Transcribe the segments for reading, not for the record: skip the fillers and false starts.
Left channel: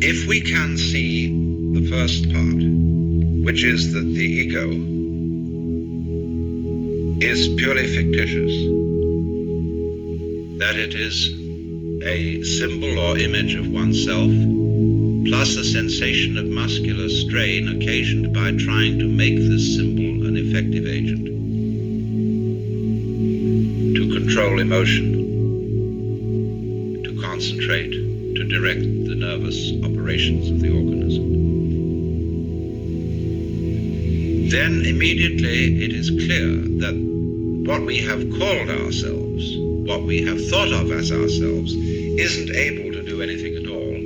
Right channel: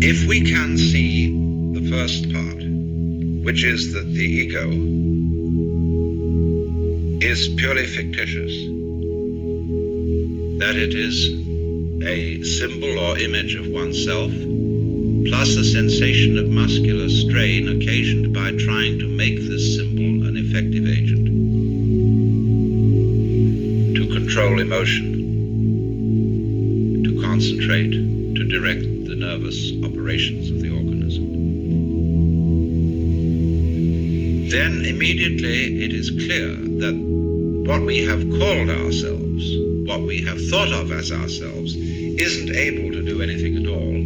If we can see the first part, which is that the ego is purely fictitious, that it is a symbol or image of oneself, plus a sensation of muscular strain occasioned by trying to make this symbol an effective agent to control emotion, to concentrate, to direct the nervous operations of the organism. Then immediately it is clear that what we have called ourselves, what we have thought of as ourselves, isn't able to do anything at all.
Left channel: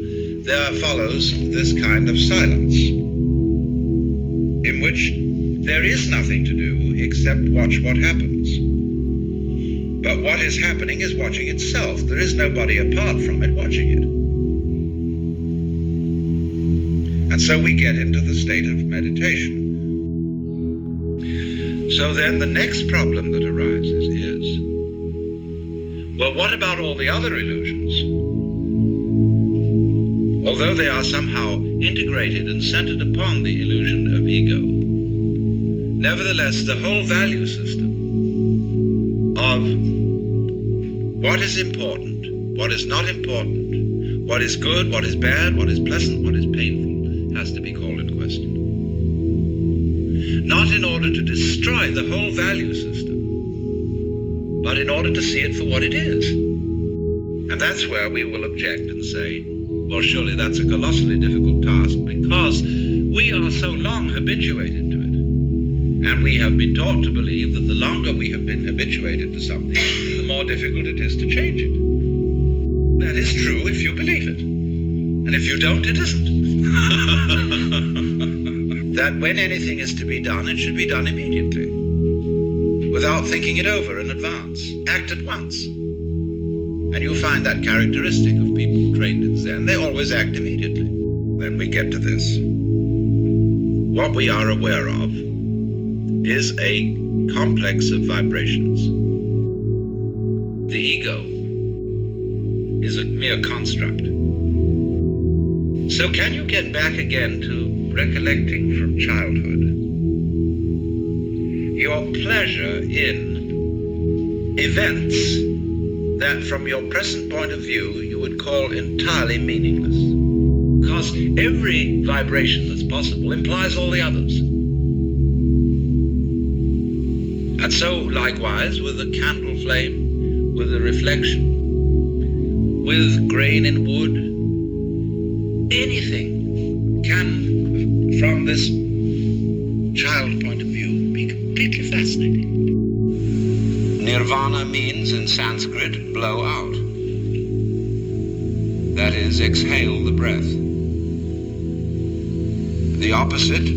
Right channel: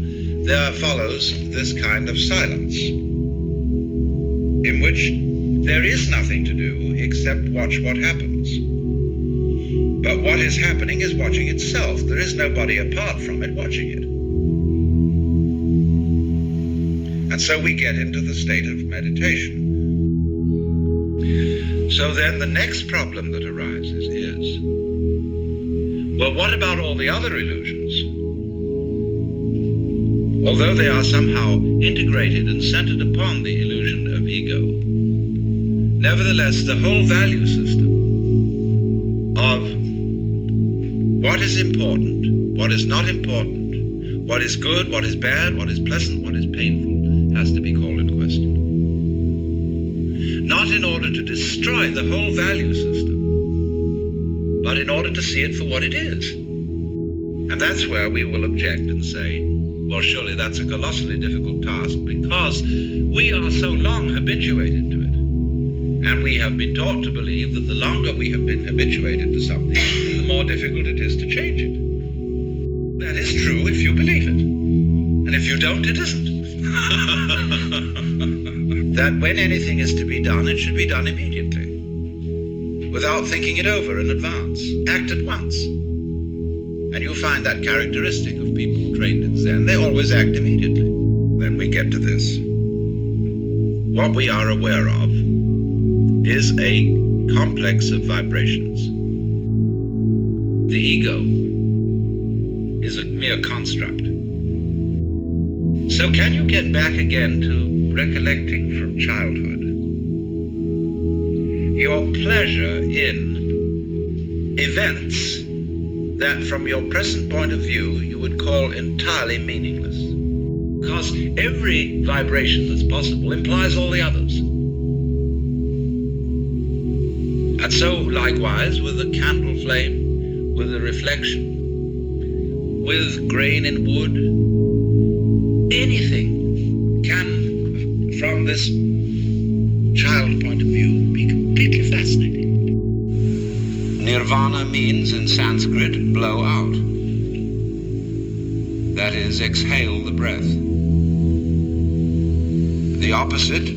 There follows this kind of silence, in which there is nothing to do except watch what happens. But what is happening is watching itself. There is nobody apart from it watching it. And so we get into the state of meditation. So then the next problem that arises is, well, what about all the other illusions? Although they are somehow integrated and centered upon the illusion of ego, nevertheless, the whole value system of what is important, what is not important, what is good, what is bad, what is pleasant, what is painful, has to be called in question. Not in order to destroy the whole value system, but in order to see it for what it is. And that's where we will object and say, well, surely that's a colossally difficult task, because we are so long habituated to it. And we have been taught to believe that the longer we have been habituated to something, the more difficult it is to change it. That is true if you believe it. And if you don't, it isn't. That when anything is to be done, it should be done immediately, without thinking it over in advance. Act at once. And you find that characteristic of people trained in Zen. They always act immediately. Then we get to this. What we are aware of is a complex of vibrations. The ego is a mere construct. So can you get back again to recollecting from childhood your pleasure in events that from your present point of view you would call entirely meaningless? Because every vibration that's possible implies all the others. And so likewise with a candle flame, with a reflection, with grain in wood, anything can, from this child point of view, be completely fascinating. Nirvana means in Sanskrit, blow out. That is, exhale the breath. The opposite,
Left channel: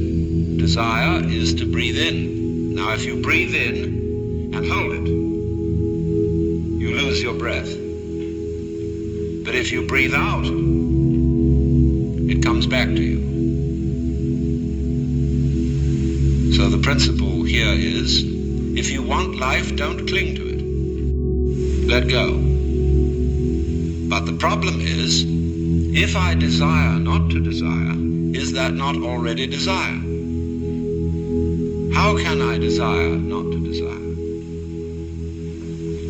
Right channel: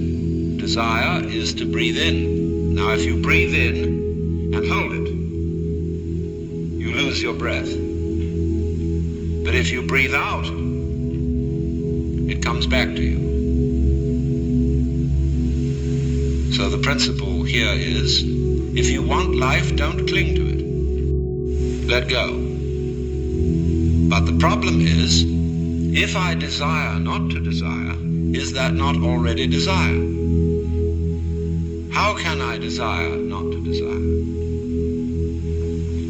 desire, is to breathe in. Now, if you breathe in and hold it, you lose your breath. But if you breathe out, it comes back to you. So the principle here is, if you want life, don't cling to it. Let go. But the problem is, if I desire not to desire, is that not already desire? How can I desire not to desire?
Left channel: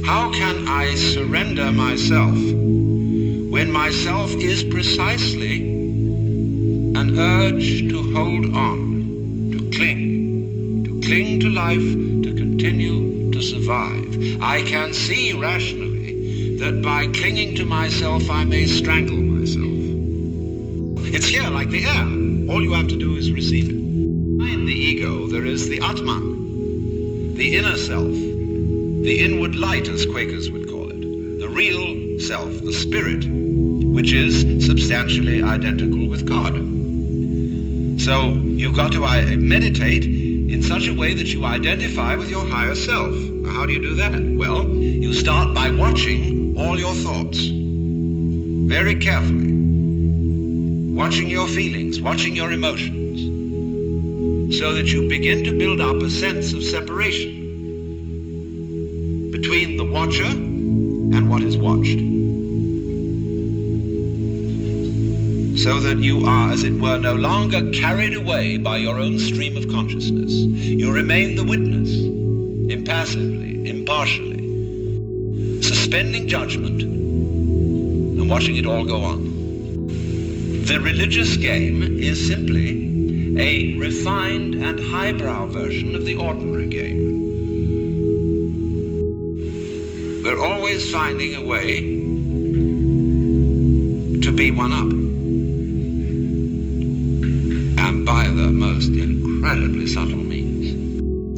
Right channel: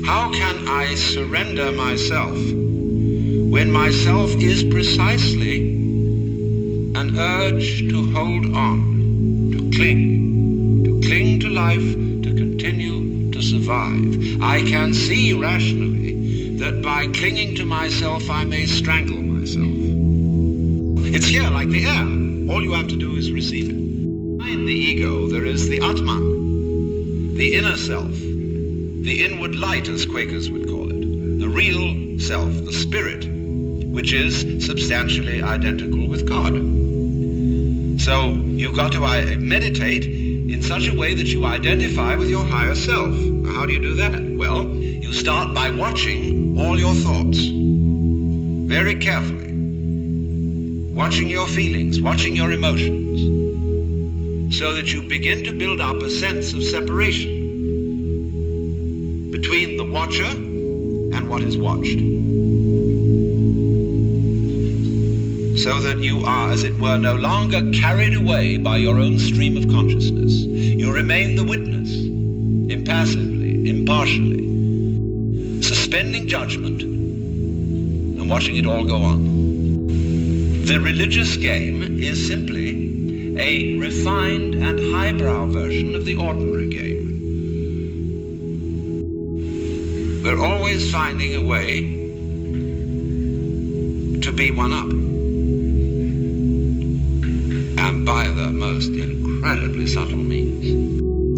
How can I surrender myself when myself is precisely an urge to hold on, to cling to life, to continue to survive? I can see rationally that by clinging to myself, I may strangle myself. It's here like the air. All you have to do is receive it. Behind the ego, there is the Atman, the inner self, the inward light, as Quakers would call it, the real self, the spirit, which is substantially identical with God. So you've got to meditate in such a way that you identify with your higher self. How do you do that? Well, you start by watching all your thoughts very carefully, watching your feelings, watching your emotions, so that you begin to build up a sense of separation between the watcher and what is watched. so that you are, as it were, no longer carried away by your own stream of consciousness. You remain the witness, impassively, impartially, suspending judgment and watching it all go on. The religious game is simply a refined and highbrow version of the ordinary game. We're always finding a way to be one up. And by the most incredibly subtle means.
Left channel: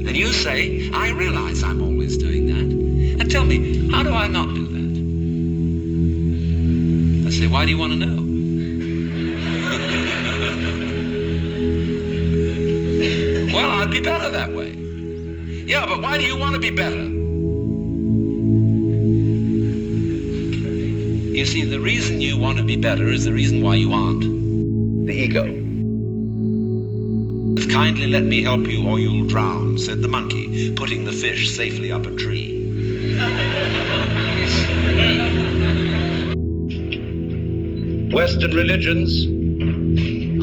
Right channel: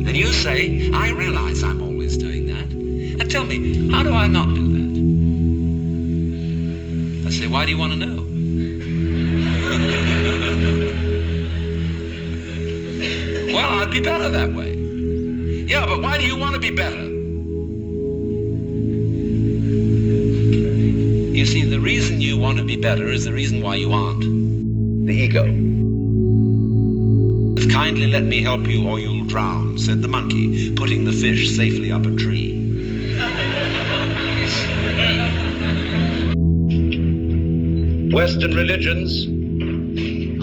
And you say, I realize I'm always doing that. And tell me, how do I not do that? I say, why do you want to know? Well, I'd be better that way. Yeah, but why do you want to be better? You see, the reason you want to be better is the reason why you aren't. The ego. Kindly let me help you or you'll drown, said the monkey, putting the fish safely up a tree. Western religions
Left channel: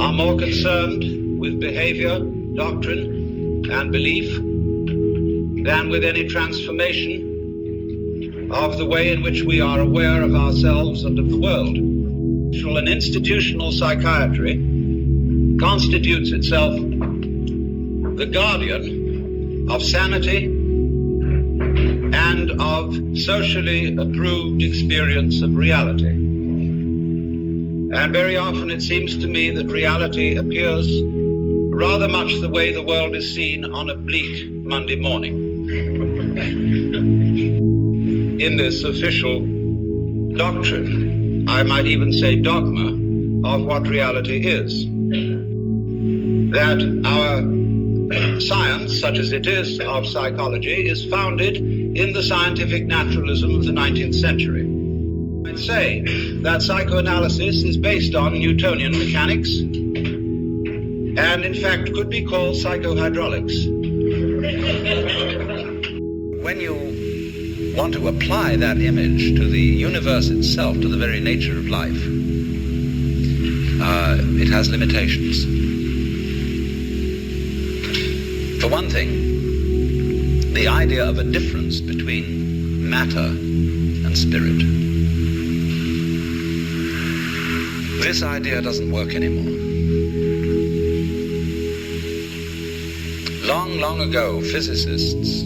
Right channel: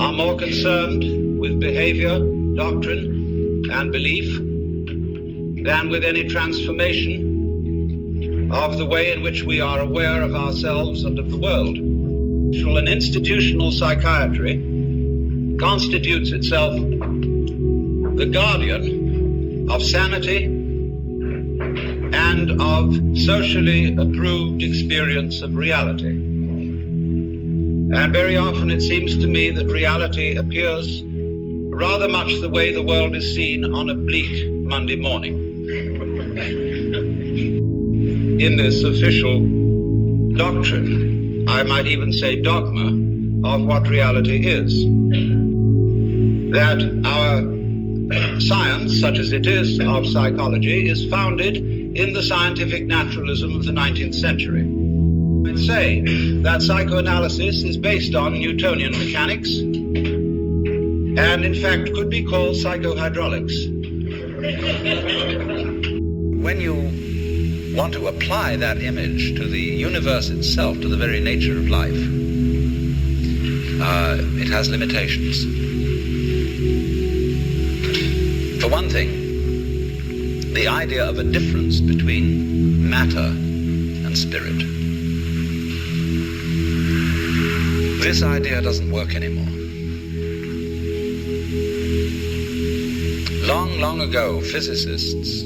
are more concerned with behavior, doctrine, and belief than with any transformation of the way in which we are aware of ourselves and of the world. An institutional psychiatry constitutes itself the guardian of sanity and of socially approved experience of reality. And very often it seems to me that reality appears rather much the way the world is seen on a bleak Monday morning. In this official doctrine, I might even say dogma, of what reality is. That our science, such as it is of psychology, is founded in the scientific naturalism of the 19th century. I'd say that psychoanalysis is based on Newtonian mechanics and in fact could be called psychohydraulics. When you want to apply that image to the universe itself, to the very nature of life, it has limitations. For one thing, the idea of a difference between matter and spirit. This idea doesn't work anymore. Long, long ago, physicists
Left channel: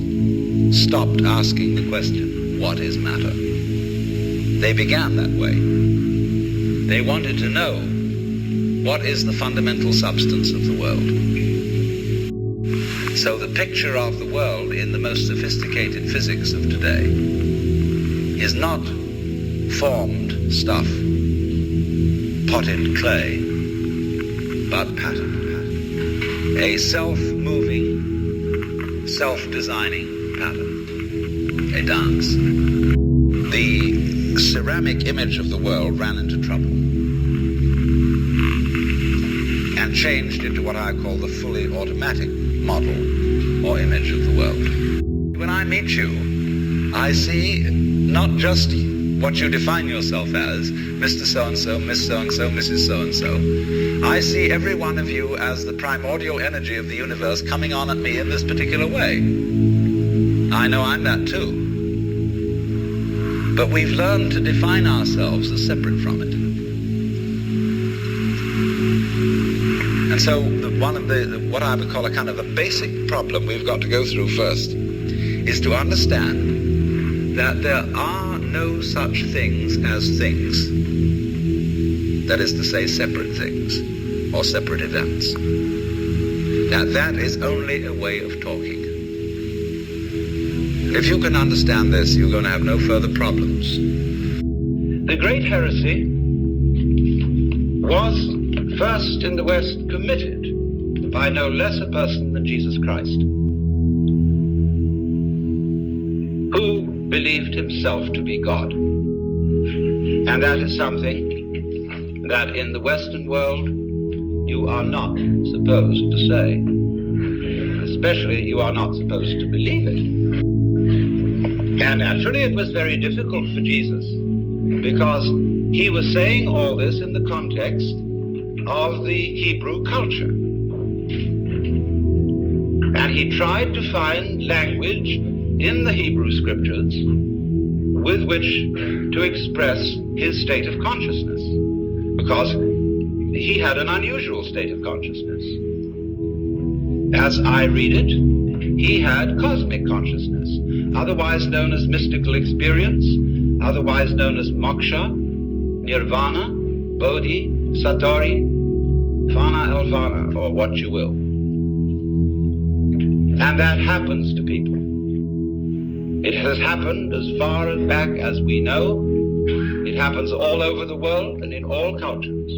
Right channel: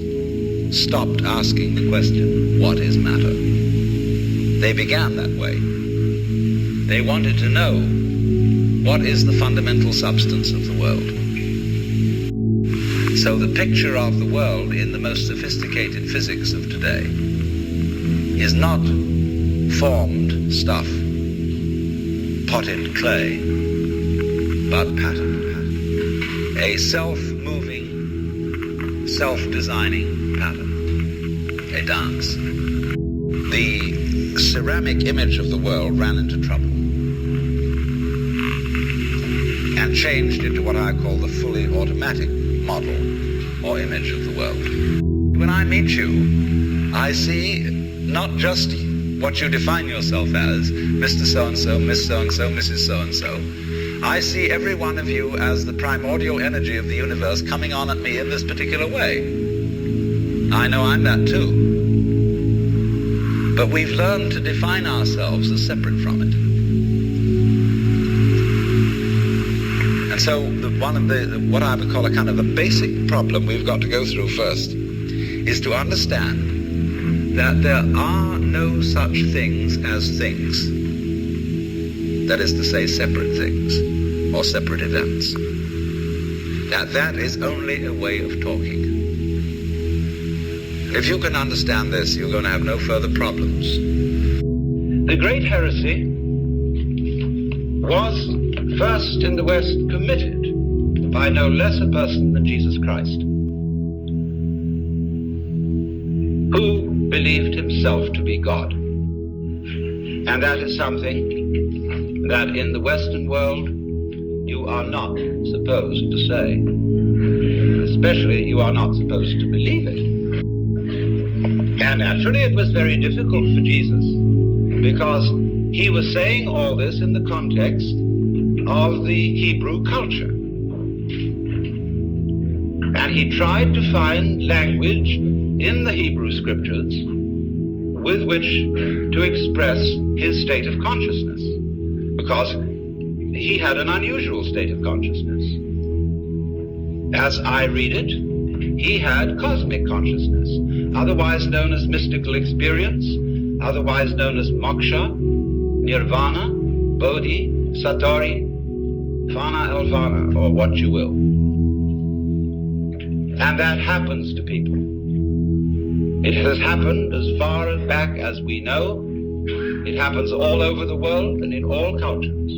stopped asking the question, what is matter? They began that way. They wanted to know, what is the fundamental substance of the world? So the picture of the world in the most sophisticated physics of today is not formed stuff, potted clay, but pattern. A self-moving, self-designing pattern, a dance. The ceramic image of the world ran into trouble and changed into what I call the fully automatic model or image of the world. When I meet you, I see not just what you define yourself as, Mr. So-and-so, Miss So-and-so, Mrs. So-and-so. I see every one of you as the primordial energy of the universe coming on at me in this particular way. I know I'm that too. But we've learned to define ourselves as separate from it. And so one of what I would call a kind of a basic problem we've got to go through first is to understand that there are no such things as things. That is to say, separate things or separate events. That is only a way of talking. If you can understand this, you're going to have no further problems. The great heresy was first in the West committed by no less a person than Jesus Christ, who believed himself to be God. And that is something that in the Western world you are not supposed to say. Especially you are not supposed to believe it. And naturally it was very difficult for Jesus because he was saying all this in the context of the Hebrew culture. And he tried to find language in the Hebrew scriptures with which to express his state of consciousness, because he had an unusual state of consciousness. As I read it, he had cosmic consciousness, otherwise known as mystical experience, otherwise known as moksha, nirvana, bodhi, satori, fana elvana, or what you will. And that happens to people. It has happened as far back as we know. It happens all over the world and in all cultures.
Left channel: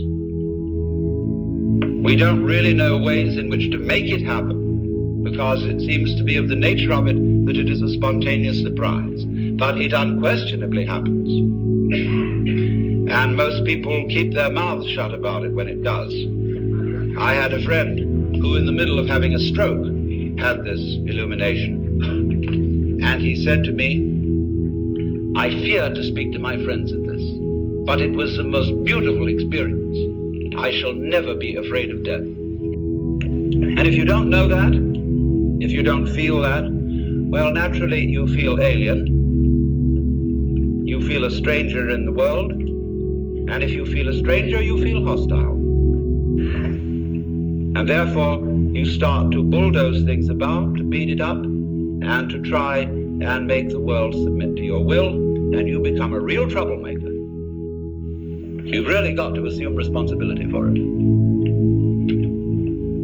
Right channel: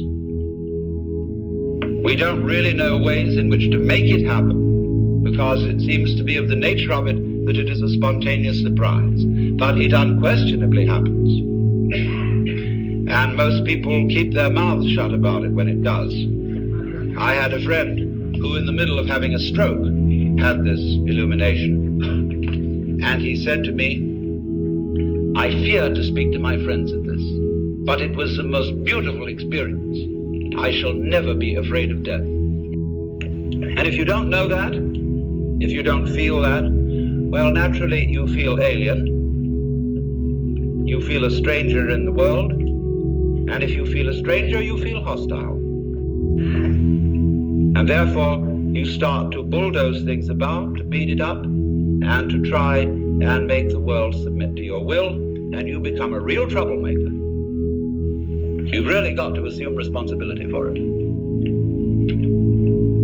We don't really know ways in which to make it happen, because it seems to be of the nature of it that it is a spontaneous surprise. But it unquestionably happens. And most people keep their mouths shut about it when it does. I had a friend who, in the middle of having a stroke, had this illumination. And he said to me, I fear to speak to my friends of this, but it was the most beautiful experience. I shall never be afraid of death. And if you don't know that, if you don't feel that, well, naturally you feel alien. You feel a stranger in the world. And if you feel a stranger, you feel hostile. And therefore, you start to bulldoze things about, to beat it up, and to try and make the world submit to your will, and you become a real troublemaker. You've really got to assume responsibility for it.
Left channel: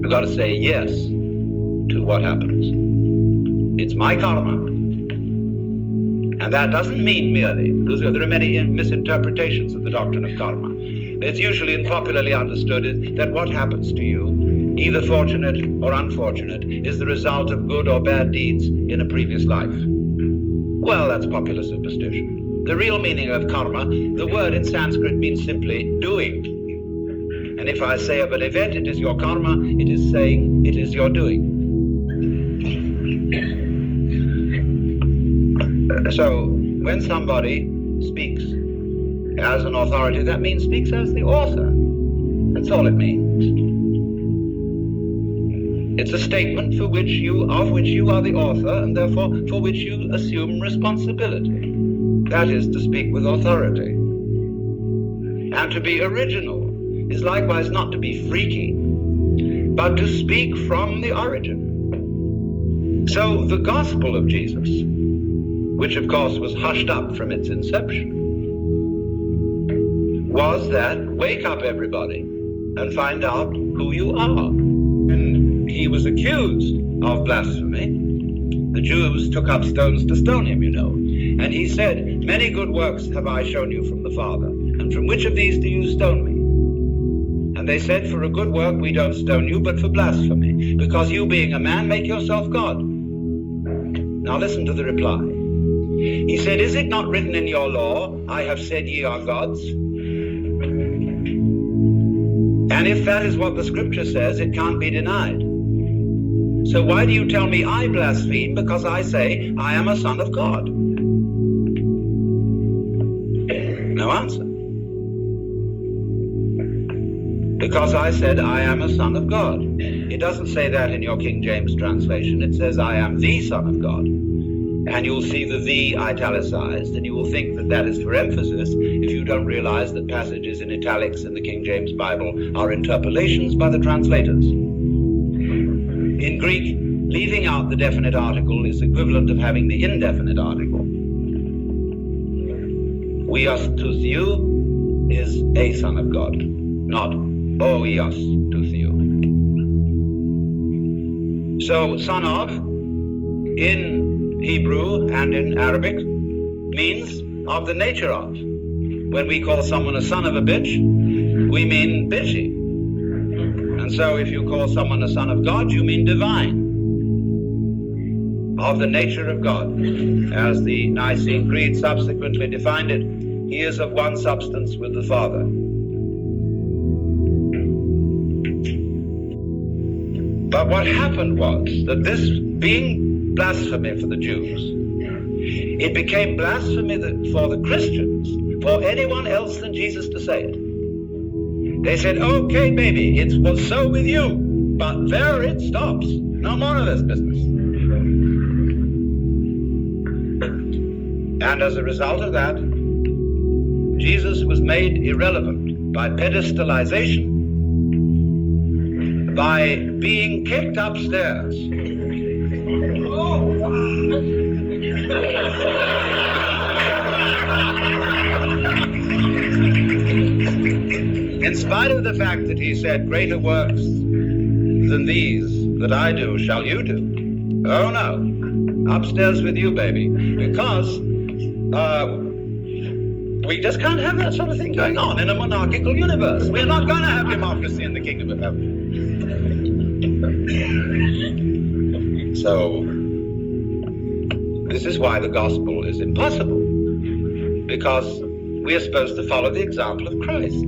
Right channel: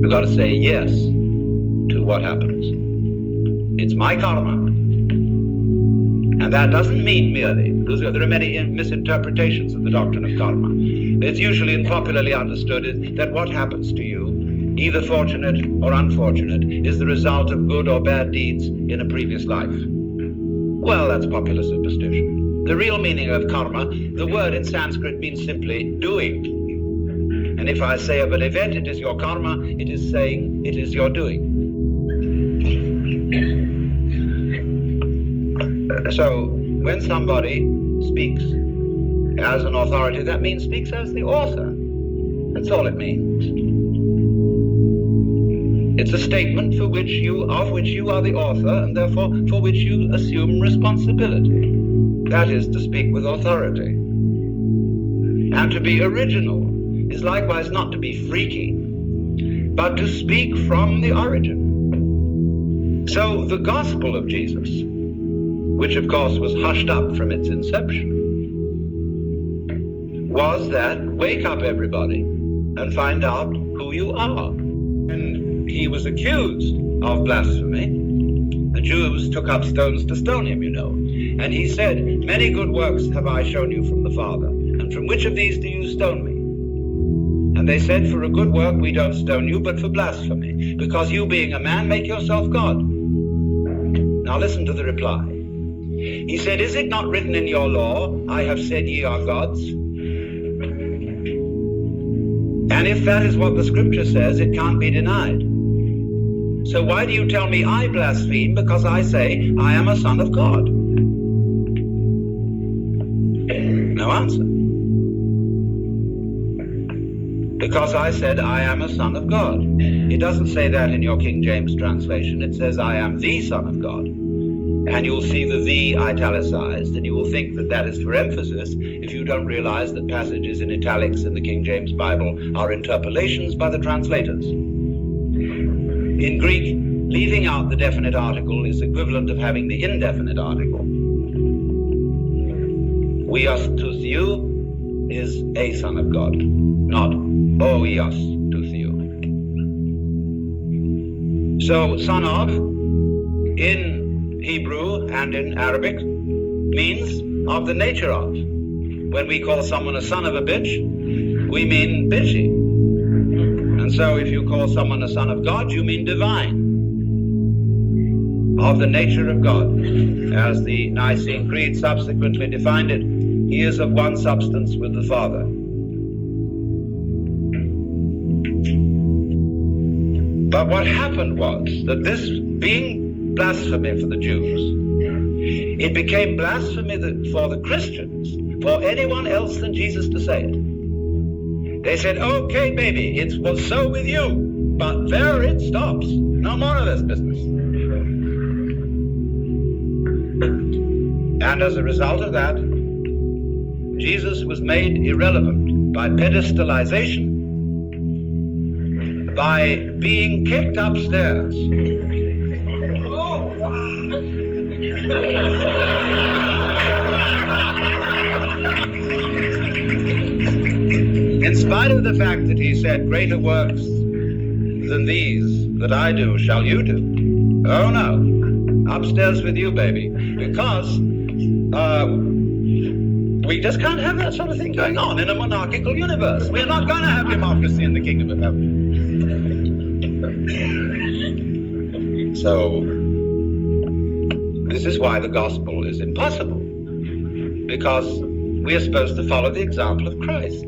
You've got to say yes to what happens. It's my karma. And that doesn't mean merely, because there are many misinterpretations of the doctrine of karma. It's usually and popularly understood that what happens to you, either fortunate or unfortunate, is the result of good or bad deeds in a previous life. Well, that's popular superstition. The real meaning of karma, the word in Sanskrit means simply doing. And if I say of an event, it is your karma, it is saying it is your doing. So, when somebody speaks as an authority, that means speaks as the author. That's all it means. It's a statement of which you are the author, and therefore for which you assume responsibility. That is to speak with authority. And to be original is likewise not to be freaky, but to speak from the origin. So the gospel of Jesus, which of course was hushed up from its inception, was that wake up everybody and find out who you are. And he was accused of blasphemy. The Jews took up stones to stone him, you know. And he said, many good works have I shown you from the Father, and from which of these do you stone me? And they said, for a good work we don't stone you, but for blasphemy, because you being a man make yourself God. Now listen to the reply. He said, is it not written in your law, I have said ye are gods? And if that is what the scripture says, it can't be denied. So why do you tell me I blaspheme because I say I am a son of God? No answer. Because I said I am a son of God. It doesn't say that in your King James translation. It says I am the son of God. And you'll see the "the" italicized, and you will think that that is for emphasis if you don't realize that passages in italics in the King James Bible are interpolations by the translators. In Greek, leaving out the definite article is equivalent of having the indefinite article. Oios to theou is a son of God, not oios to theou. So, son of, in Hebrew and in Arabic, means of the nature of. When we call someone a son of a bitch, we mean bitchy. And so if you call someone a son of God, you mean divine. Of the nature of God. As the Nicene Creed subsequently defined it, he is of one substance with the Father. But what happened was that this being blasphemy for the Jews, it became blasphemy for the Christians, for anyone else than Jesus to say it. They said, okay, baby, it was so with you, but there it stops. No more of this business. And as a result of that, Jesus was made irrelevant by pedestalization, by being kicked upstairs. In spite of the fact that he said, greater works than these that I do shall you do. Oh no, upstairs with you, baby, because we just can't have that sort of thing going on in a monarchical universe. We're not going to have democracy in the kingdom of heaven. So, this is why the gospel is impossible, because we are supposed to follow the example of Christ,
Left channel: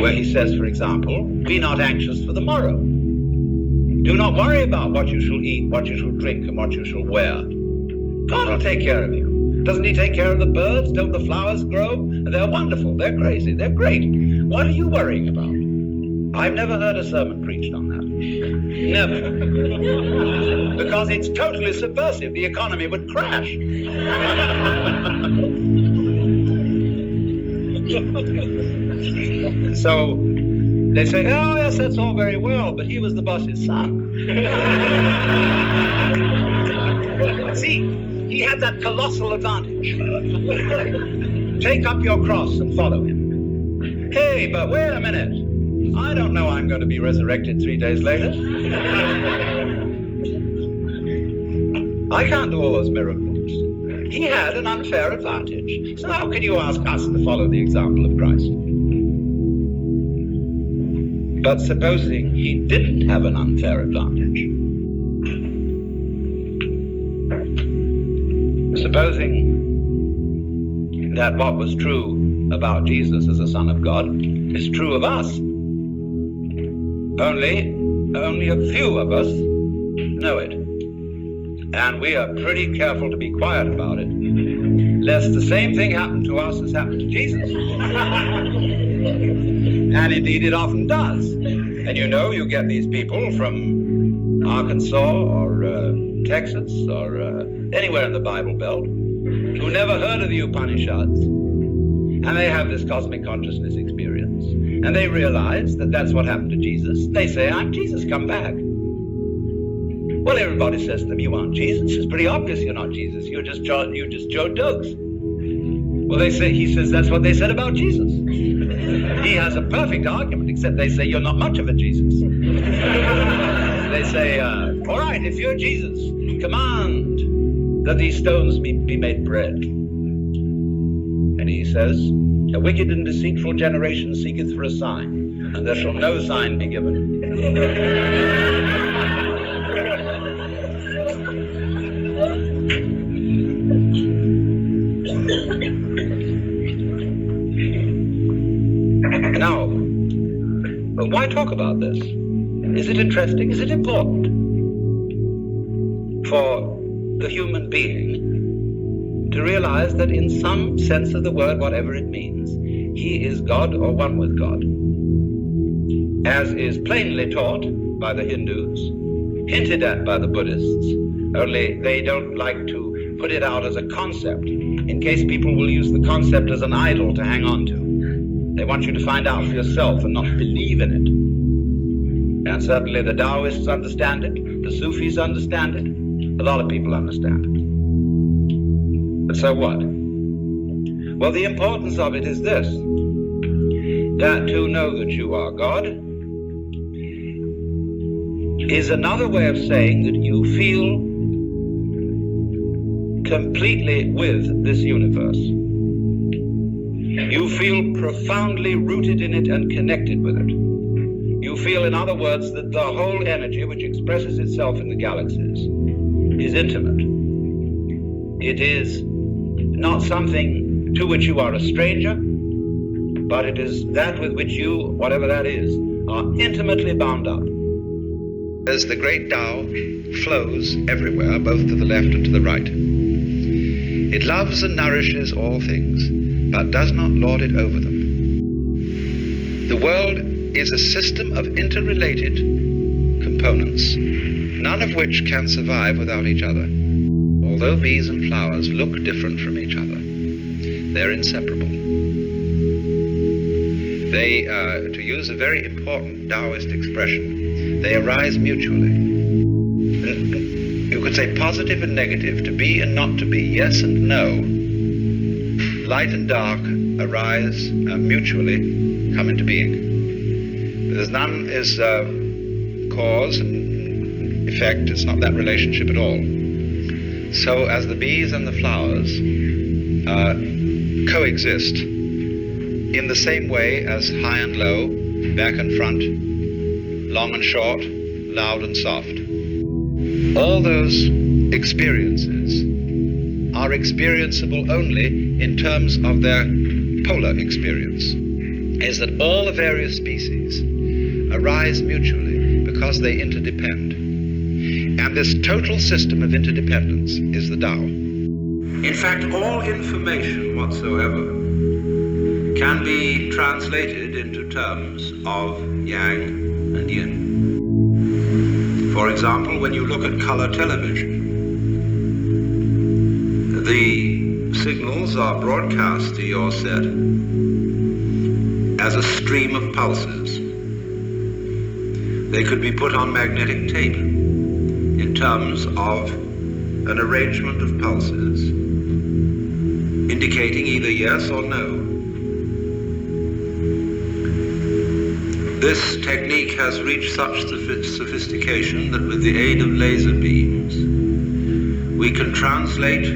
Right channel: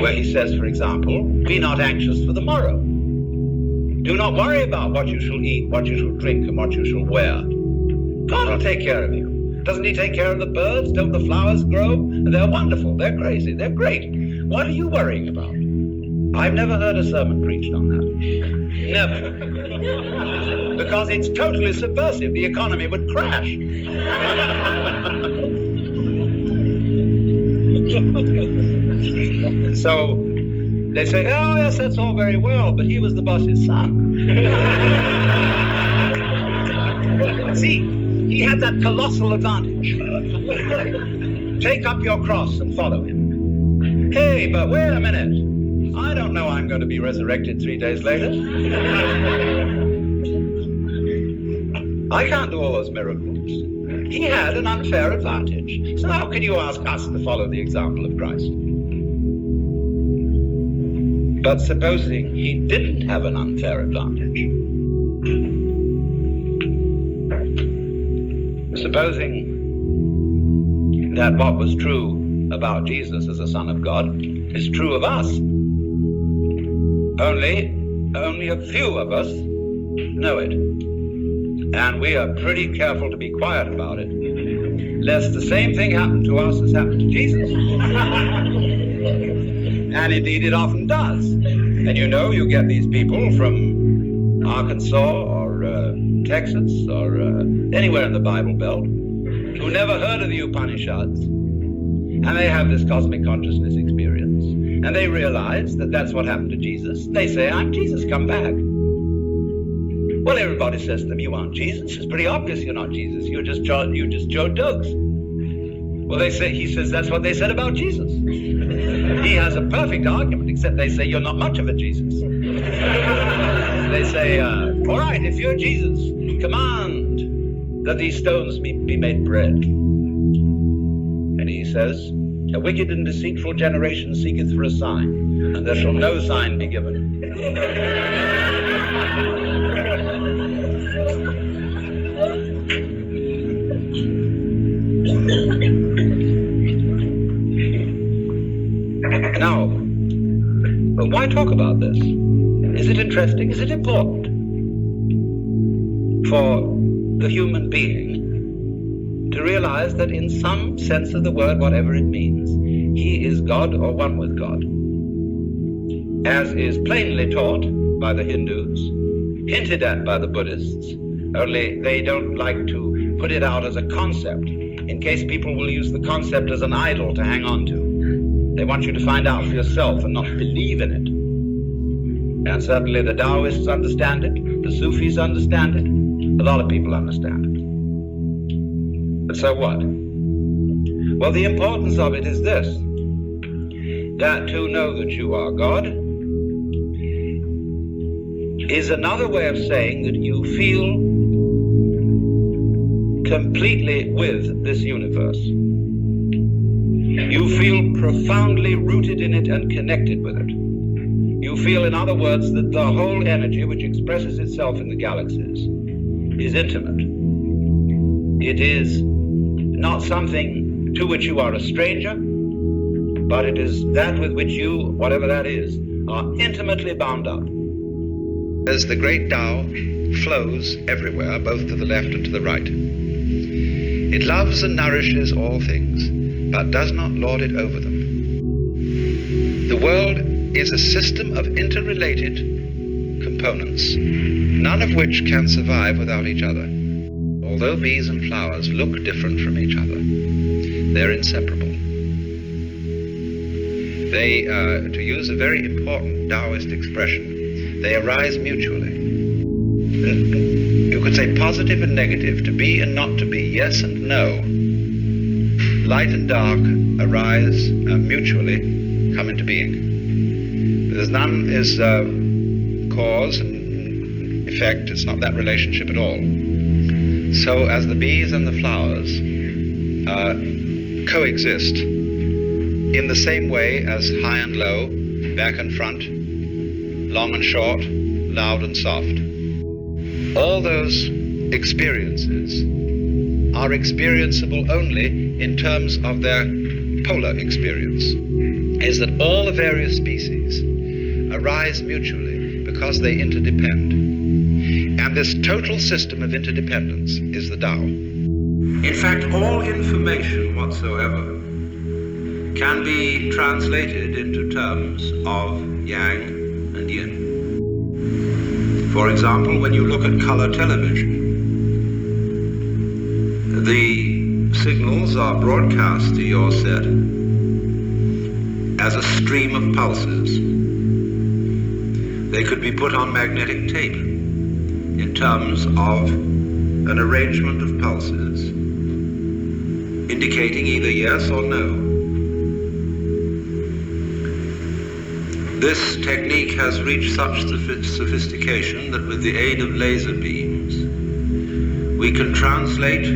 where he says, for example, be not anxious for the morrow. Do not worry about what you shall eat, what you shall drink, and what you shall wear. God will take care of you. Doesn't he take care of the birds? Don't the flowers grow? They're wonderful. They're crazy. They're great. What are you worrying about? I've never heard a sermon preached on that. Never. Because it's totally subversive. The economy would crash. So they say, oh yes, that's all very well, but he was the boss's son. See, he had that colossal advantage. Take up your cross and follow him. Hey, but wait a minute. I don't know I'm going to be resurrected 3 days later. I can't do all those miracles. He had an unfair advantage. So how can you ask us to follow the example of Christ? But supposing he didn't have an unfair advantage, supposing that what was true about Jesus as a Son of God is true of us, only a few of us know it. And we are pretty careful to be quiet about it, lest the same thing happen to us as happened to Jesus. And indeed it often does. And you know, you get these people from Arkansas or Texas or anywhere in the Bible Belt who never heard of the Upanishads. And they have this cosmic consciousness experience. And they realize that that's what happened to Jesus. They say, I'm Jesus, come back. Well, everybody says to them, you aren't Jesus. It's pretty obvious you're not Jesus. You're just Joe Dogs. Well, he says that's what they said about Jesus. He has a perfect argument, except they say you're not much of a Jesus. They say, all right, if you're Jesus, command that these stones be made bread. And he says, a wicked and deceitful generation seeketh for a sign, and there shall no sign be given. Now, but why talk about this? Is it interesting? Is it important for the human being to realize that in some sense of the word, whatever it means, he is God or one with God, as is plainly taught by the Hindus, hinted at by the Buddhists, only they don't like to put it out as a concept, in case people will use the concept as an idol to hang on to. They want you to find out for yourself and not believe in it. And certainly the Taoists understand it, the Sufis understand it, a lot of people understand it. But so what? Well, the importance of it is this, that to know that you are God is another way of saying that you feel completely with this universe. You feel profoundly rooted in it and connected with it. You feel, in other words, that the whole energy which expresses itself in the galaxies is intimate. It is not something to which you are a stranger, but it is that with which you, whatever that is, are intimately bound up. As the great Tao flows everywhere, both to the left and to the right. It loves and nourishes all things, but does not lord it over them. The world is a system of interrelated components, none of which can survive without each other. Although bees and flowers look different from each other, they're inseparable. They, to use a very important Taoist expression, they arise mutually. You could say positive and negative, to be and not to be, yes and no. Light and dark arise mutually, come into being. There's none is cause and effect. It's not that relationship at all. So as the bees and the flowers coexist in the same way as high and low, back and front, long and short, loud and soft, all those experiences are experienceable only in terms of their polar experience, is that all the various species arise mutually because they interdepend. And this total system of interdependence is the Tao. In fact, all information whatsoever can be translated into terms of yang and yin. For example, when you look at color television, the signals are broadcast to your set as a stream of pulses. They could be put on magnetic tape in terms of an arrangement of pulses indicating either yes or no. This technique has reached such sophistication that with the aid of laser beams, we can translate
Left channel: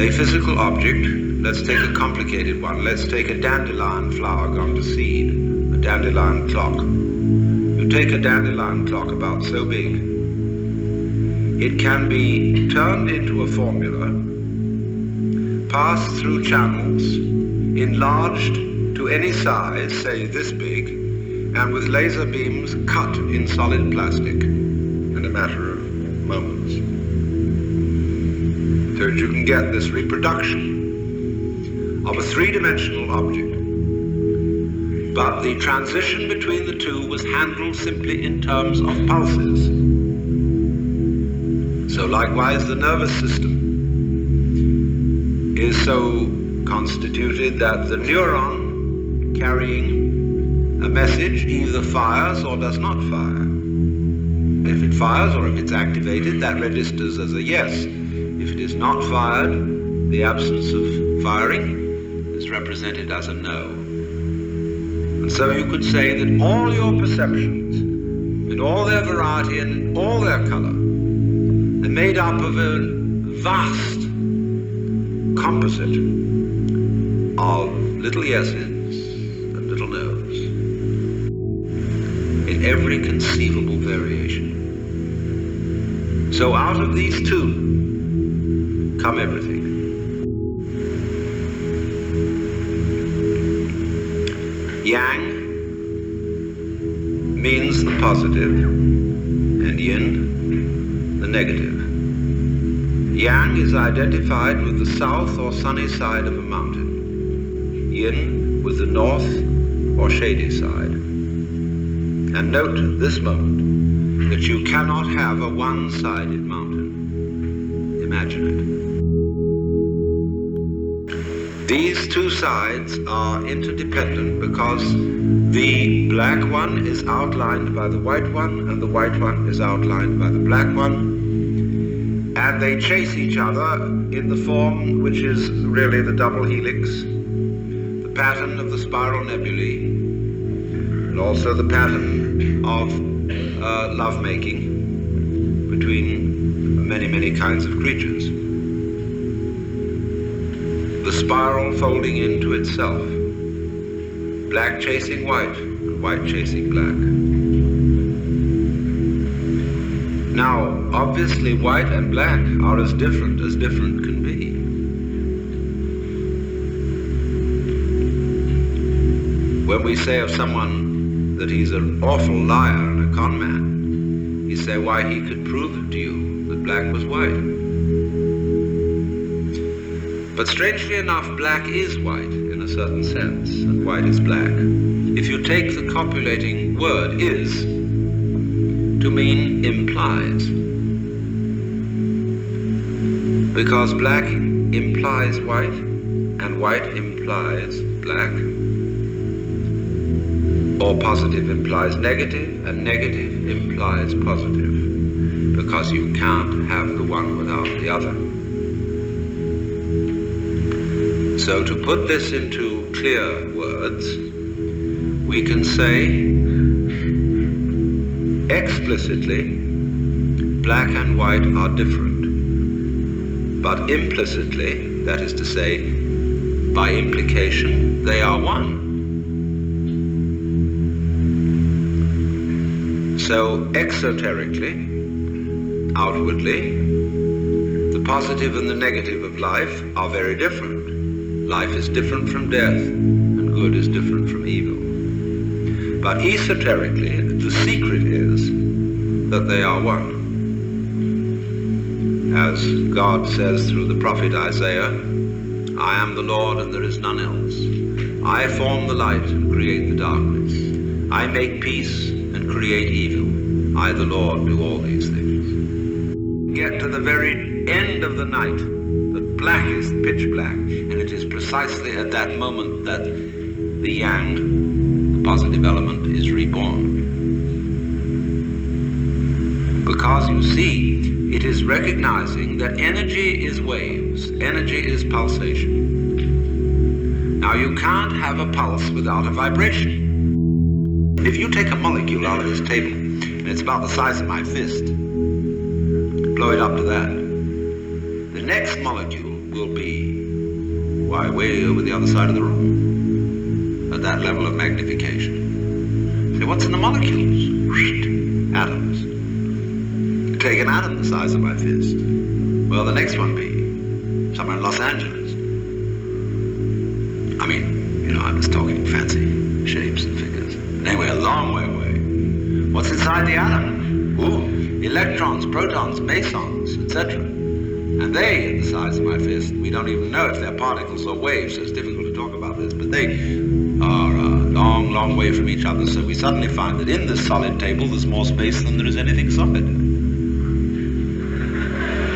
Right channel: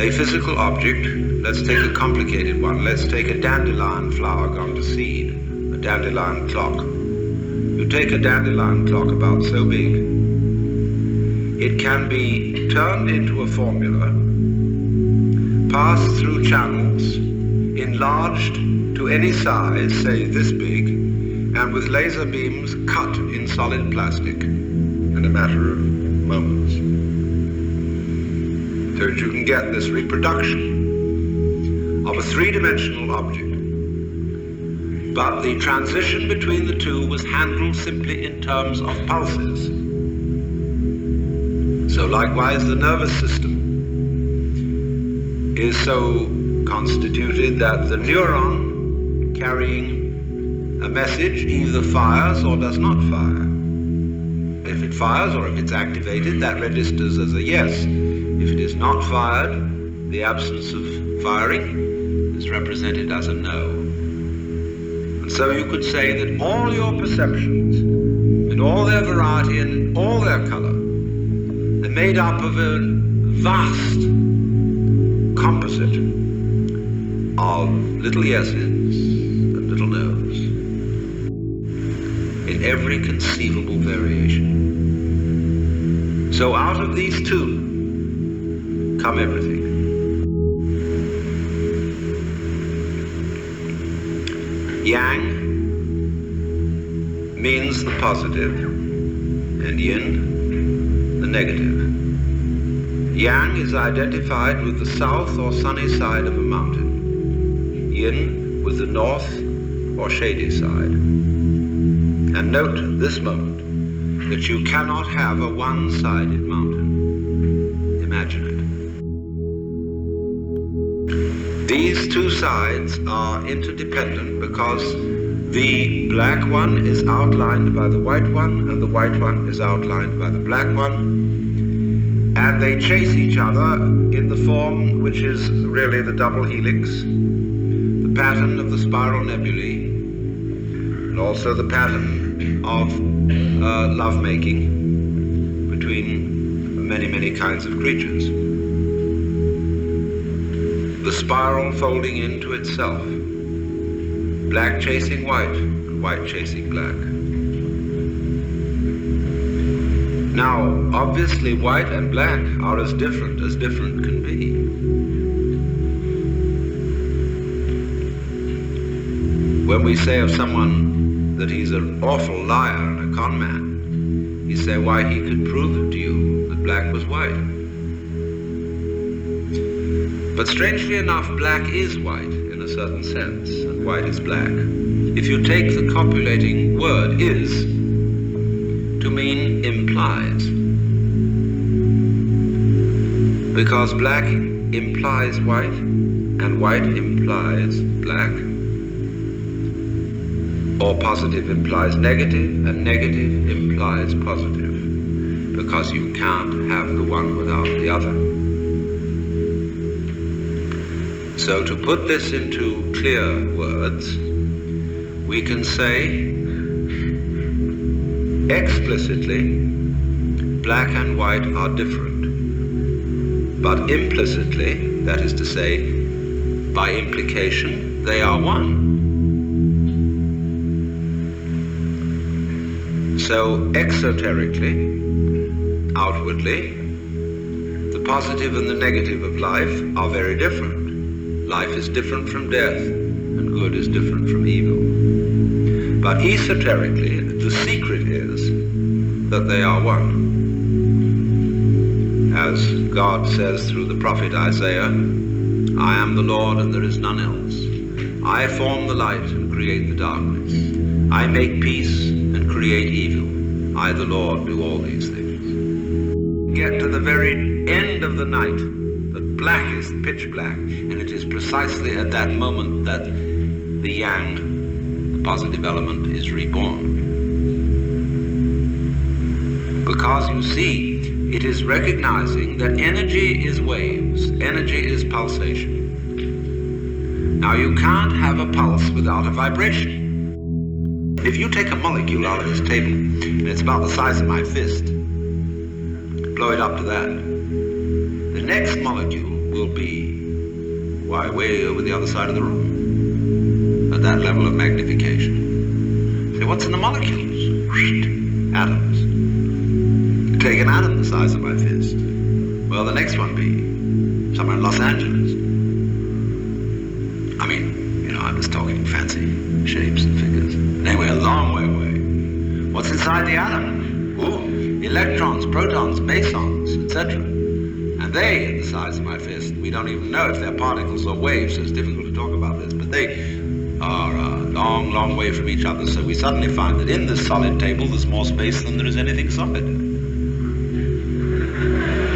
a physical object. Let's take a complicated one. Let's take a dandelion flower gone to seed, a dandelion clock. You take a dandelion clock about so big, it can be turned into a formula, passed through channels, enlarged to any size, say this big, and with laser beams cut in solid plastic in a matter of moments. So that you can get this reproduction of a three-dimensional object. But the transition between the two was handled simply in terms of pulses. So likewise, the nervous system is so constituted that the neuron carrying a message either fires or does not fire. If it fires or if it's activated, that registers as a yes. If it is not fired, the absence of firing is represented as a no. And so you could say that all your perceptions, in all their variety and in all their color, are made up of a vast composite of little yeses and little no's in every conceivable variation. So out of these two come everything. Yang means the positive and yin the negative. Yang is identified with the south or sunny side of a mountain. Yin with the north or shady side. And note at this moment that you cannot have a one-sided mountain. Imagine it. These two sides are interdependent because the black one is outlined by the white one and the white one is outlined by the black one. And they chase each other in the form which is really the double helix, the pattern of the spiral nebulae, and also the pattern of lovemaking between many, many kinds of creatures. The spiral folding into itself, black chasing white, and white chasing black. Now, obviously, white and black are as different can be. When we say of someone that he's an awful liar and a con man, you say, why, he could prove it to you that black was white. But strangely enough, black is white in a certain sense, and white is black. If you take the copulating word is to mean implies, because black implies white and white implies black, or positive implies negative and negative implies positive, because you can't have the one without the other. So to put this into clear words, we can say explicitly black and white are different, but implicitly, that is to say, by implication, they are one. So exoterically, outwardly, the positive and the negative of life are very different. Life is different from death, and good is different from evil. But esoterically, the secret is that they are one. As God says through the prophet Isaiah, I am the Lord and there is none else. I form the light and create the darkness. I make peace and create evil. I, the Lord, do all these things. Get to the very end of the night, the blackest pitch black, and it is precisely at that moment that the yang, the positive element, is reborn. Because you see, it is recognizing that energy is waves, energy is pulsation. Now you can't have a pulse without a vibration. If you take a molecule out of this table, and it's about the size of my fist, blow it up to that, the next molecule will be, way over the other side of the room, at that level of magnification. So what's in the molecules? Atoms. Take an atom the size of my fist. Well, the next one be somewhere in Los Angeles. I mean, I'm just talking fancy shapes and figures. Anyway, a long way away. What's inside the atom? Ooh, electrons, protons, mesons, etc. And they, in the size of my fist, we don't even know if they're particles or waves, so it's difficult to talk about this, but they are a long, long way from each other. So we suddenly find that in this solid table, there's more space than there is anything solid.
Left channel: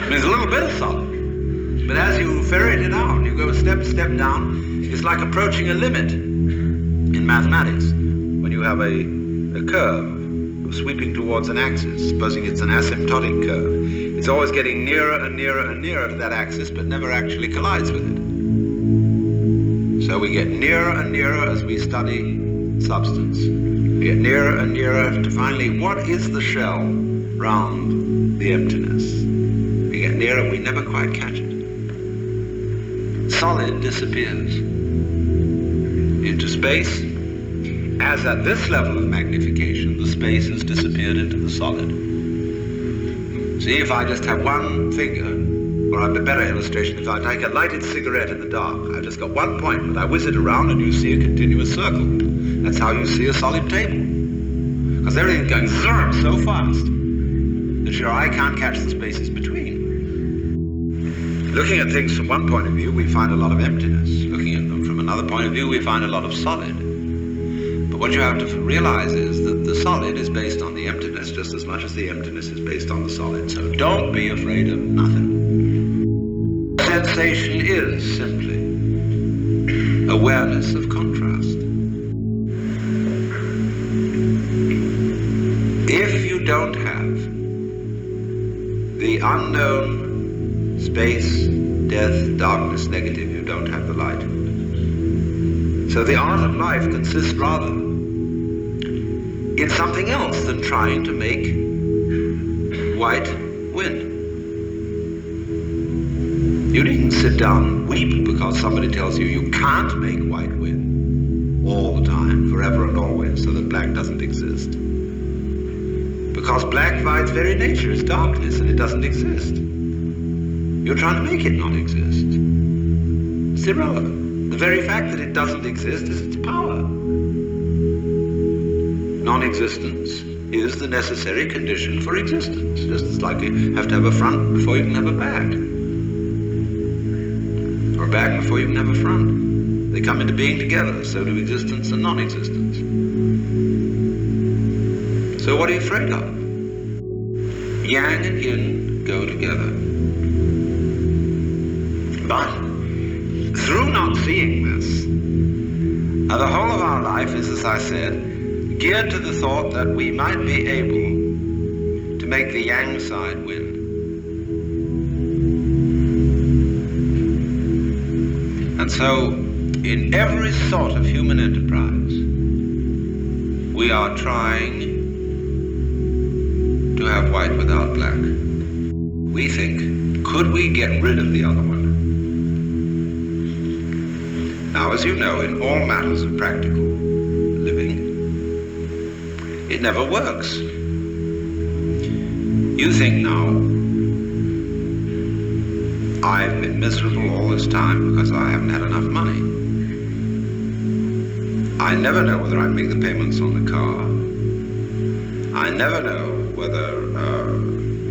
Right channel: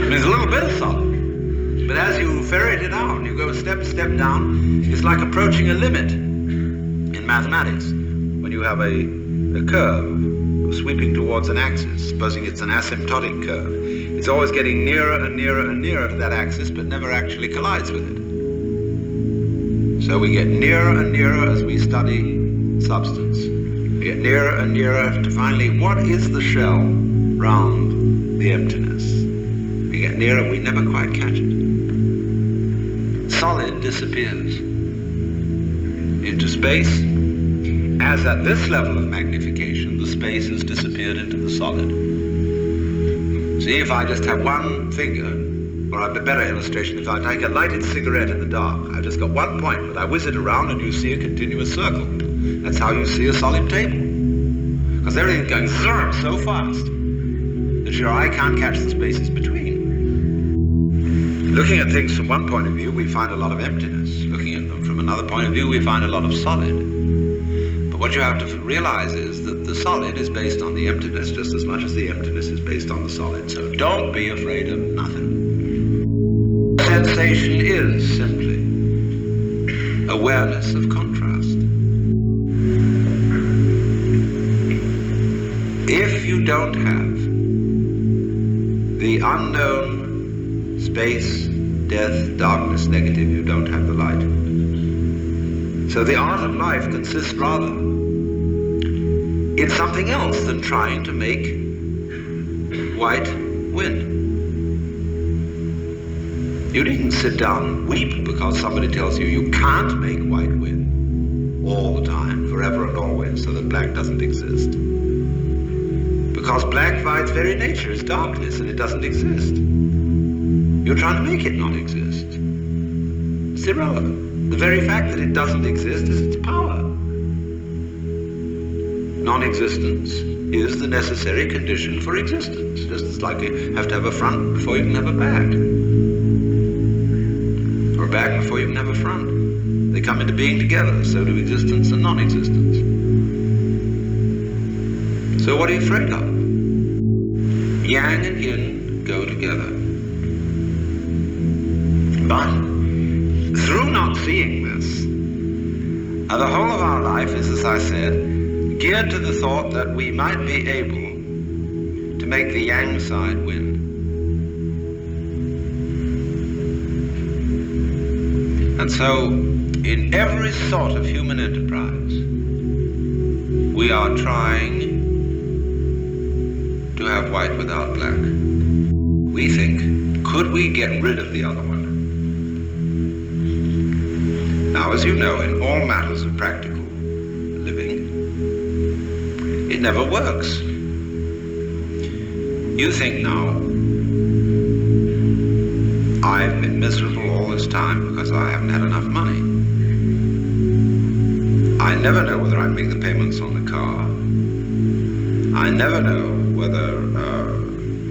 There's a little bit of solid, but as you ferret it out, you go step down, it's like approaching a limit in mathematics. When you have a curve sweeping towards an axis, supposing it's an asymptotic curve, it's always getting nearer and nearer and nearer to that axis, but never actually collides with it. So we get nearer and nearer as we study substance. We get nearer and nearer to finally, what is the shell round the emptiness? We get nearer, we never quite catch it. Solid disappears into space, as at this level of magnification, the space has disappeared into the solid. See, if I just have one finger, or a better illustration, if I take a lighted cigarette in the dark, I've just got one point, but I whiz it around and you see a continuous circle. That's how you see a solid table. Because everything's going zurp so fast that your eye can't catch the spaces between. Looking at things from one point of view, we find a lot of emptiness. Looking at them from another point of view, we find a lot of solid. But what you have to realize is that the solid is based on the emptiness just as much as the emptiness is based on the solid. So don't be afraid of nothing. Sensation is simply awareness of contrast. If you don't have the unknown space, death, darkness, negative, you don't have the light. So the art of life consists rather in something else than trying to make white win. You needn't sit down and weep because somebody tells you you can't make white win all the time, forever and always, so that black doesn't exist. Because black by its very nature is darkness and it doesn't exist. You're trying to make it not exist. It's irrelevant. The very fact that it doesn't exist is its power. Non-existence is the necessary condition for existence, just as like you have to have a front before you can have a back, or a back before you can have a front. They come into being together. So do existence and non-existence. So what are you afraid of? Yang and yin go together. But through not seeing this, the whole of our life is, as I said, geared to the thought that we might be able to make the yang side win. And so, in every sort of human enterprise, we are trying to have white without black. We think, could we get rid of the other one? Now, as you know, in all matters of practical living, it never works. You think now, I've been miserable all this time because I haven't had enough money. I never know whether I make the payments on the car. I never know whether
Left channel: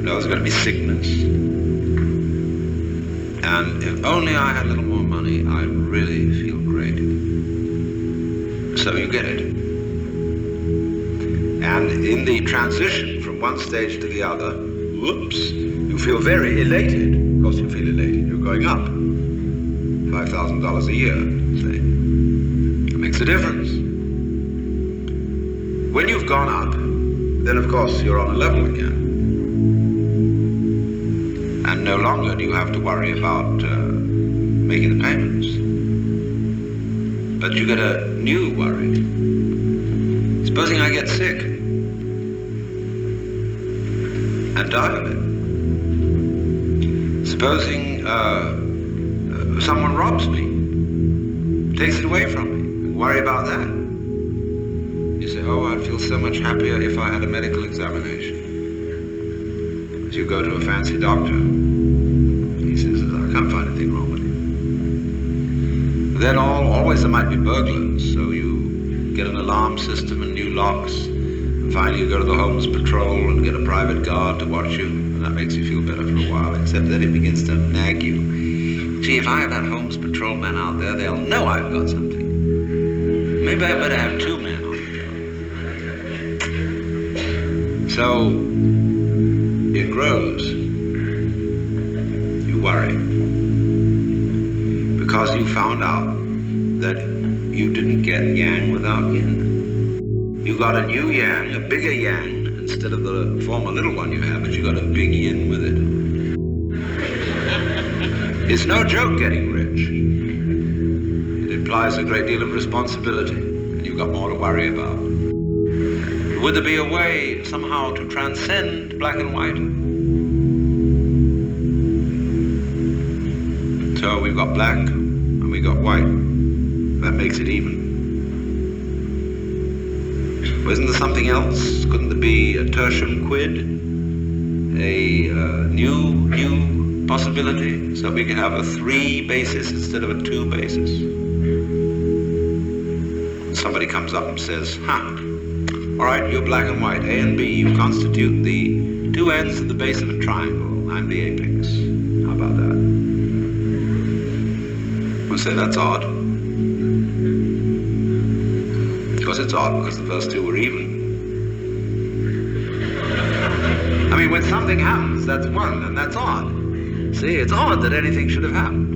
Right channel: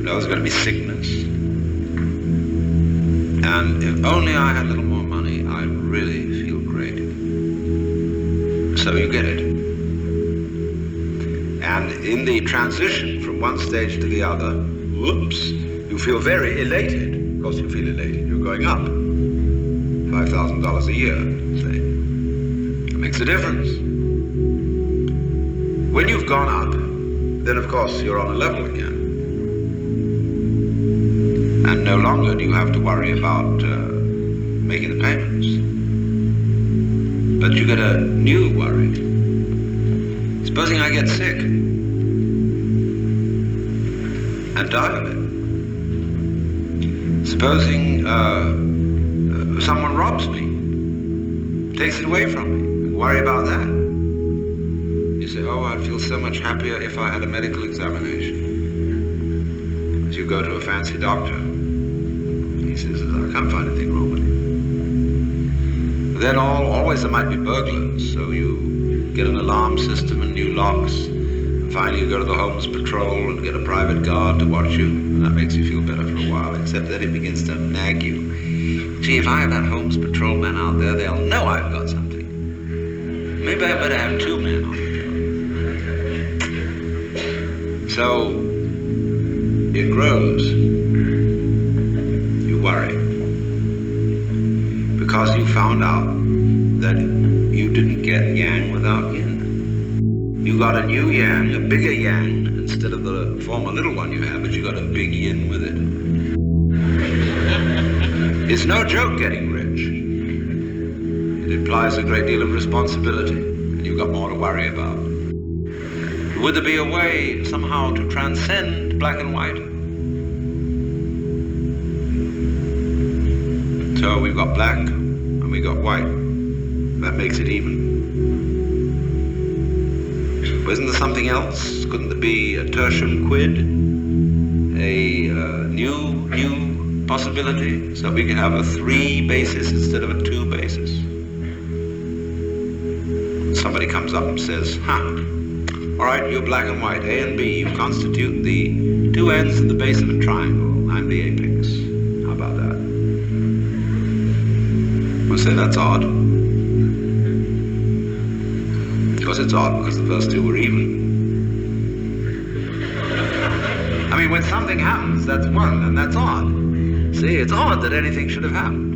there's going to be sickness. And if only I had a little more money, I'd really feel great. So you get it. And in the transition from one stage to the other, whoops, you feel very elated. Of course you feel elated. You're going up. $5,000 a year, say. It makes a difference. When you've gone up, then of course you're on a level again. And no longer do you have to worry about making the payments. But you get a new worry. Supposing I get sick and die of it. Supposing someone robs me, takes it away from me, and worry about that. You say, oh, I'd feel so much happier if I had a medical examination. As you go to a fancy doctor, he says, I can't find anything wrong with you. Then always there might be burglars, so you get an alarm system and new locks, and finally you go to the Homes Patrol and get a private guard to watch you, and that makes you feel better for a while, except then it begins to nag you. Gee, if I have that Homes Patrol man out there, they'll know I've got something. Maybe I better have two men on the job. So, it grows. You worry. Because you found out that you didn't get yang without yin. You got a new yang, a bigger yang, instead of the former little one you had, but you got a big yin with it. It's no joke getting rich. It implies a great deal of responsibility, and you've got more to worry about. Would there be a way somehow to transcend black and white? So we've got black and we got white. That makes it even. Wasn't there something else? Couldn't there be a tertium quid? A new possibility? So we could have a 3 basis instead of a 2 basis. Somebody comes up and says, all right, you're black and white, A and B. You constitute the 2 ends of the base of a triangle. I'm the apex. How about that? We'll say that's odd. Because it's odd because the first 2 were even. I mean, when something happens, that's 1, and that's odd. See, it's odd that anything should have happened.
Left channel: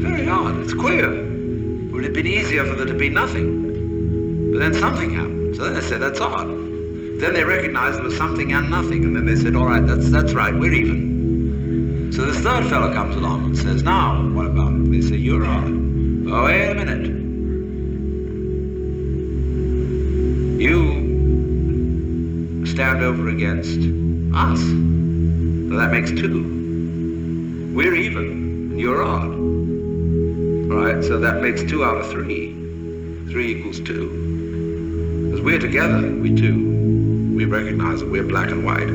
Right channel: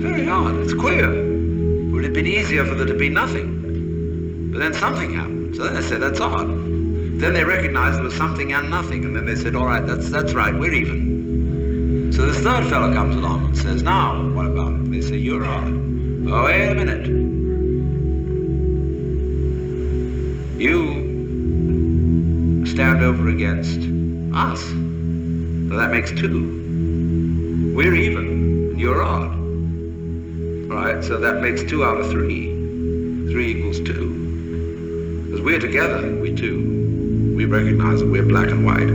Very odd. It's queer. Would it have been easier for there to be nothing? But then something happened. So then they said, that's odd. Then they recognized there was something and nothing, and then they said, all right, that's right, we're even. So this third fellow comes along and says, now, what about it? They say, you're odd. Oh, wait a minute. You stand over against us. So that makes 2. We're even, and you're odd. All right, so that makes 2 out of 3. 3 equals 2. Because we're together, we 2. We recognize that we're black and white.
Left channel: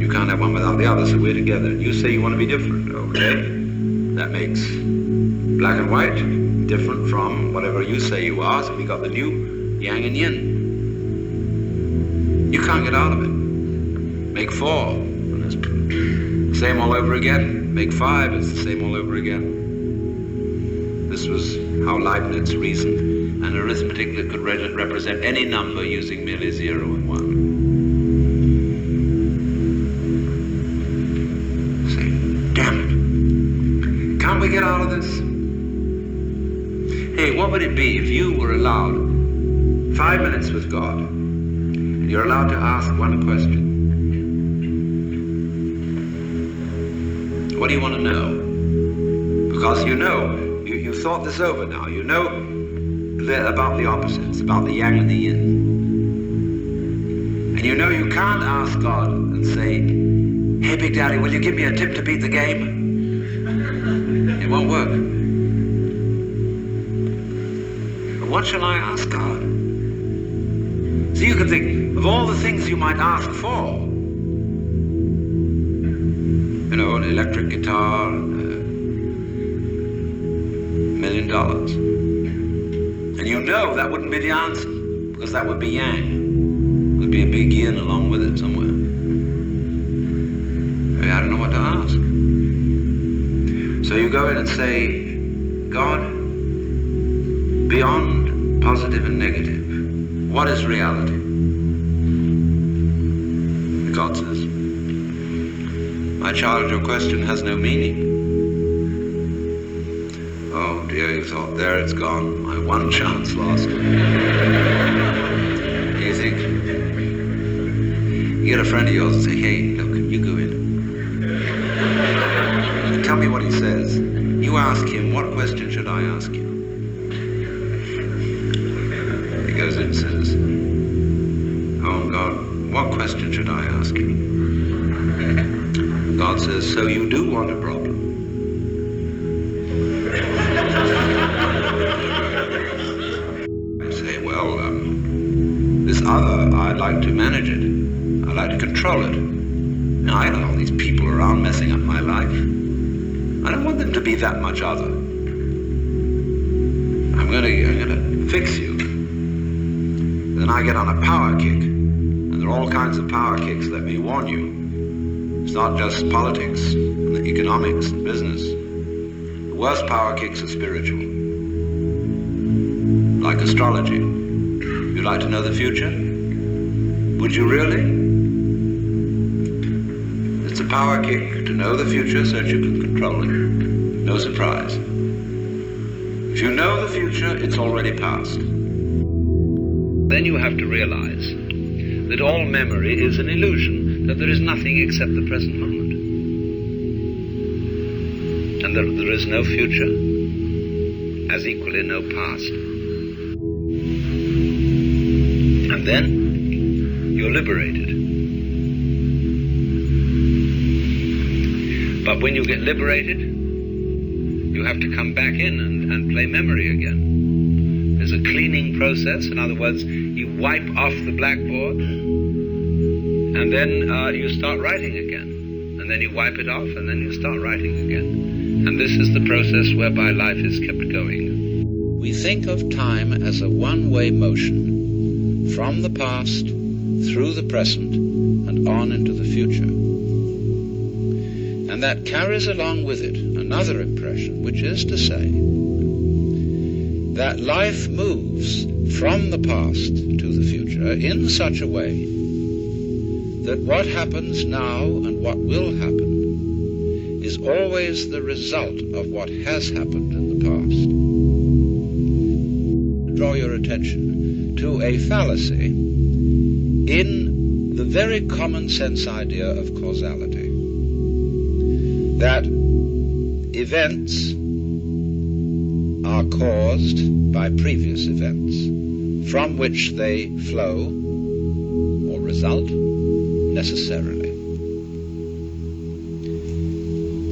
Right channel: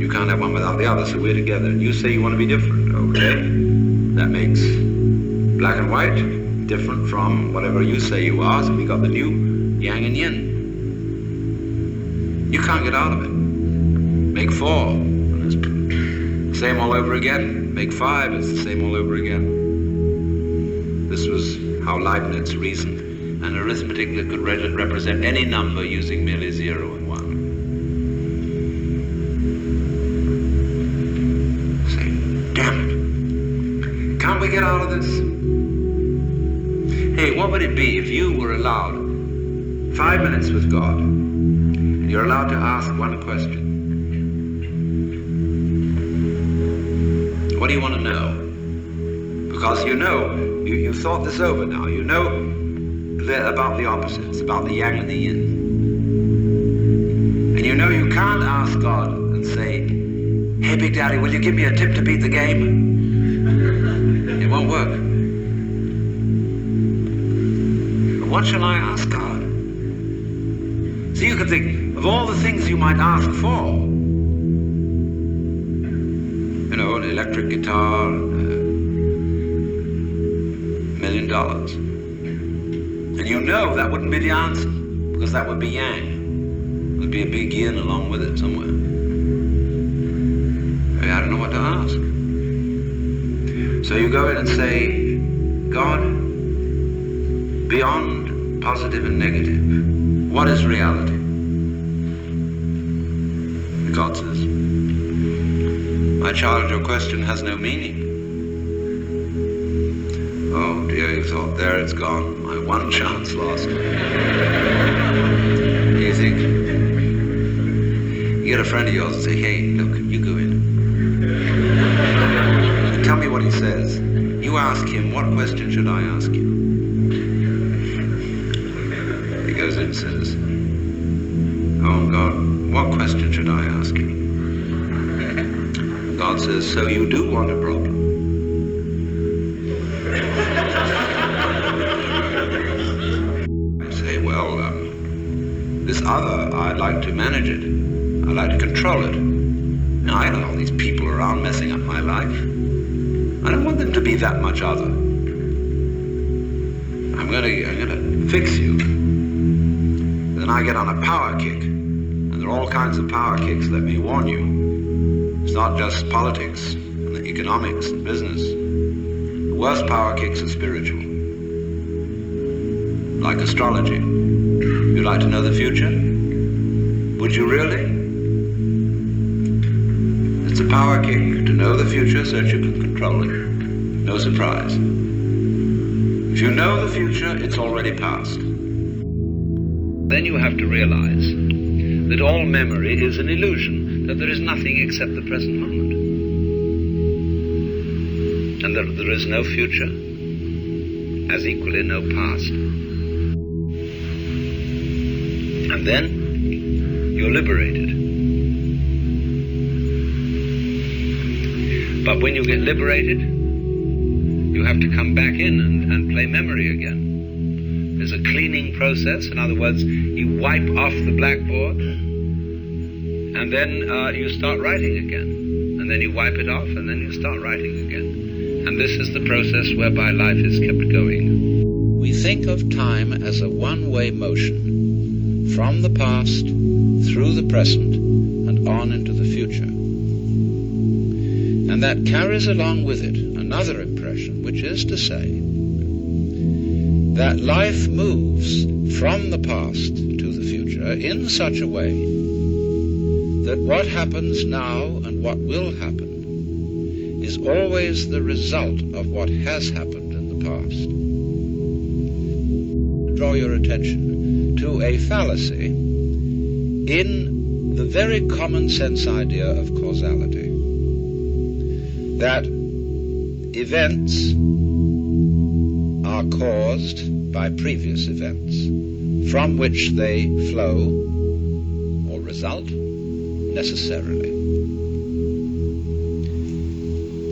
You can't have one without the other, so we're together. And you say you want to be different, okay? That makes black and white different from whatever you say you are, so we got the new yang and yin. You can't get out of it. Make 4, and it's the same all over again. Make 5, it's the same all over again. This was how Leibniz reasoned, an arithmetic that could represent any number using merely 0 and 1. Say, damn it. Can't we get out of this? Hey, what would it be if you were allowed 5 minutes with God, and you're allowed to ask one question? What do you want to know? Because you know, you've thought this over now. You know about the opposites, about the yang and the yin. And you know you can't ask God and say, hey, Big Daddy, will you give me a tip to beat the game? It won't work. But what shall I ask God? So you can think of all the things you might ask for. You know, an electric guitar, $1 million. And you know that wouldn't be the answer, because that would be yang. There'd be a big yin along with it somewhere. I don't know what to ask. So you go in and say, God, beyond positive and negative, what is reality? God says, my child, your question has no meaning. Oh dear, you thought, there it's gone, my one chance lost. You think, you get a friend of yours and say, hey, look, you go in. Tell me what he says. You ask him, what question should I ask you? He goes in and says, oh God, what question should I ask you? God says, so you do want a problem? I say, well, this other, I'd like to manage it. I'd like to control it. Now, I don't know all these people around messing up my life. I don't want them to be that much other. I'm gonna fix you. Then I get on a power kick. And there are all kinds of power kicks, let me warn you. It's not just politics and economics and business. The worst power kicks are spiritual. Like astrology. You'd like to know the future? Would you really? It's a power kick to know the future so that you can control it. No surprise. If you know the future, it's already past. Then you have to realize that all memory is an illusion, that there is nothing except the present moment. And that there is no future, as equally no past. And then you're liberated. But when you get liberated, you have to come back in and play memory again. There's a cleaning process. In other words, you wipe off the blackboard, and then you start writing again. And then you wipe it off, and then you start writing again. And this is the process whereby life is kept going. We think of time as a one-way motion, from the past, through the present, and on into the future. And that carries along with it another impression, which is to say that life moves from the past to the future in such a way that what happens now and what will happen is always the result of what has happened in the past. Draw your attention to a fallacy in the very common sense idea of causality. That events are caused by previous events, from which they flow or result necessarily.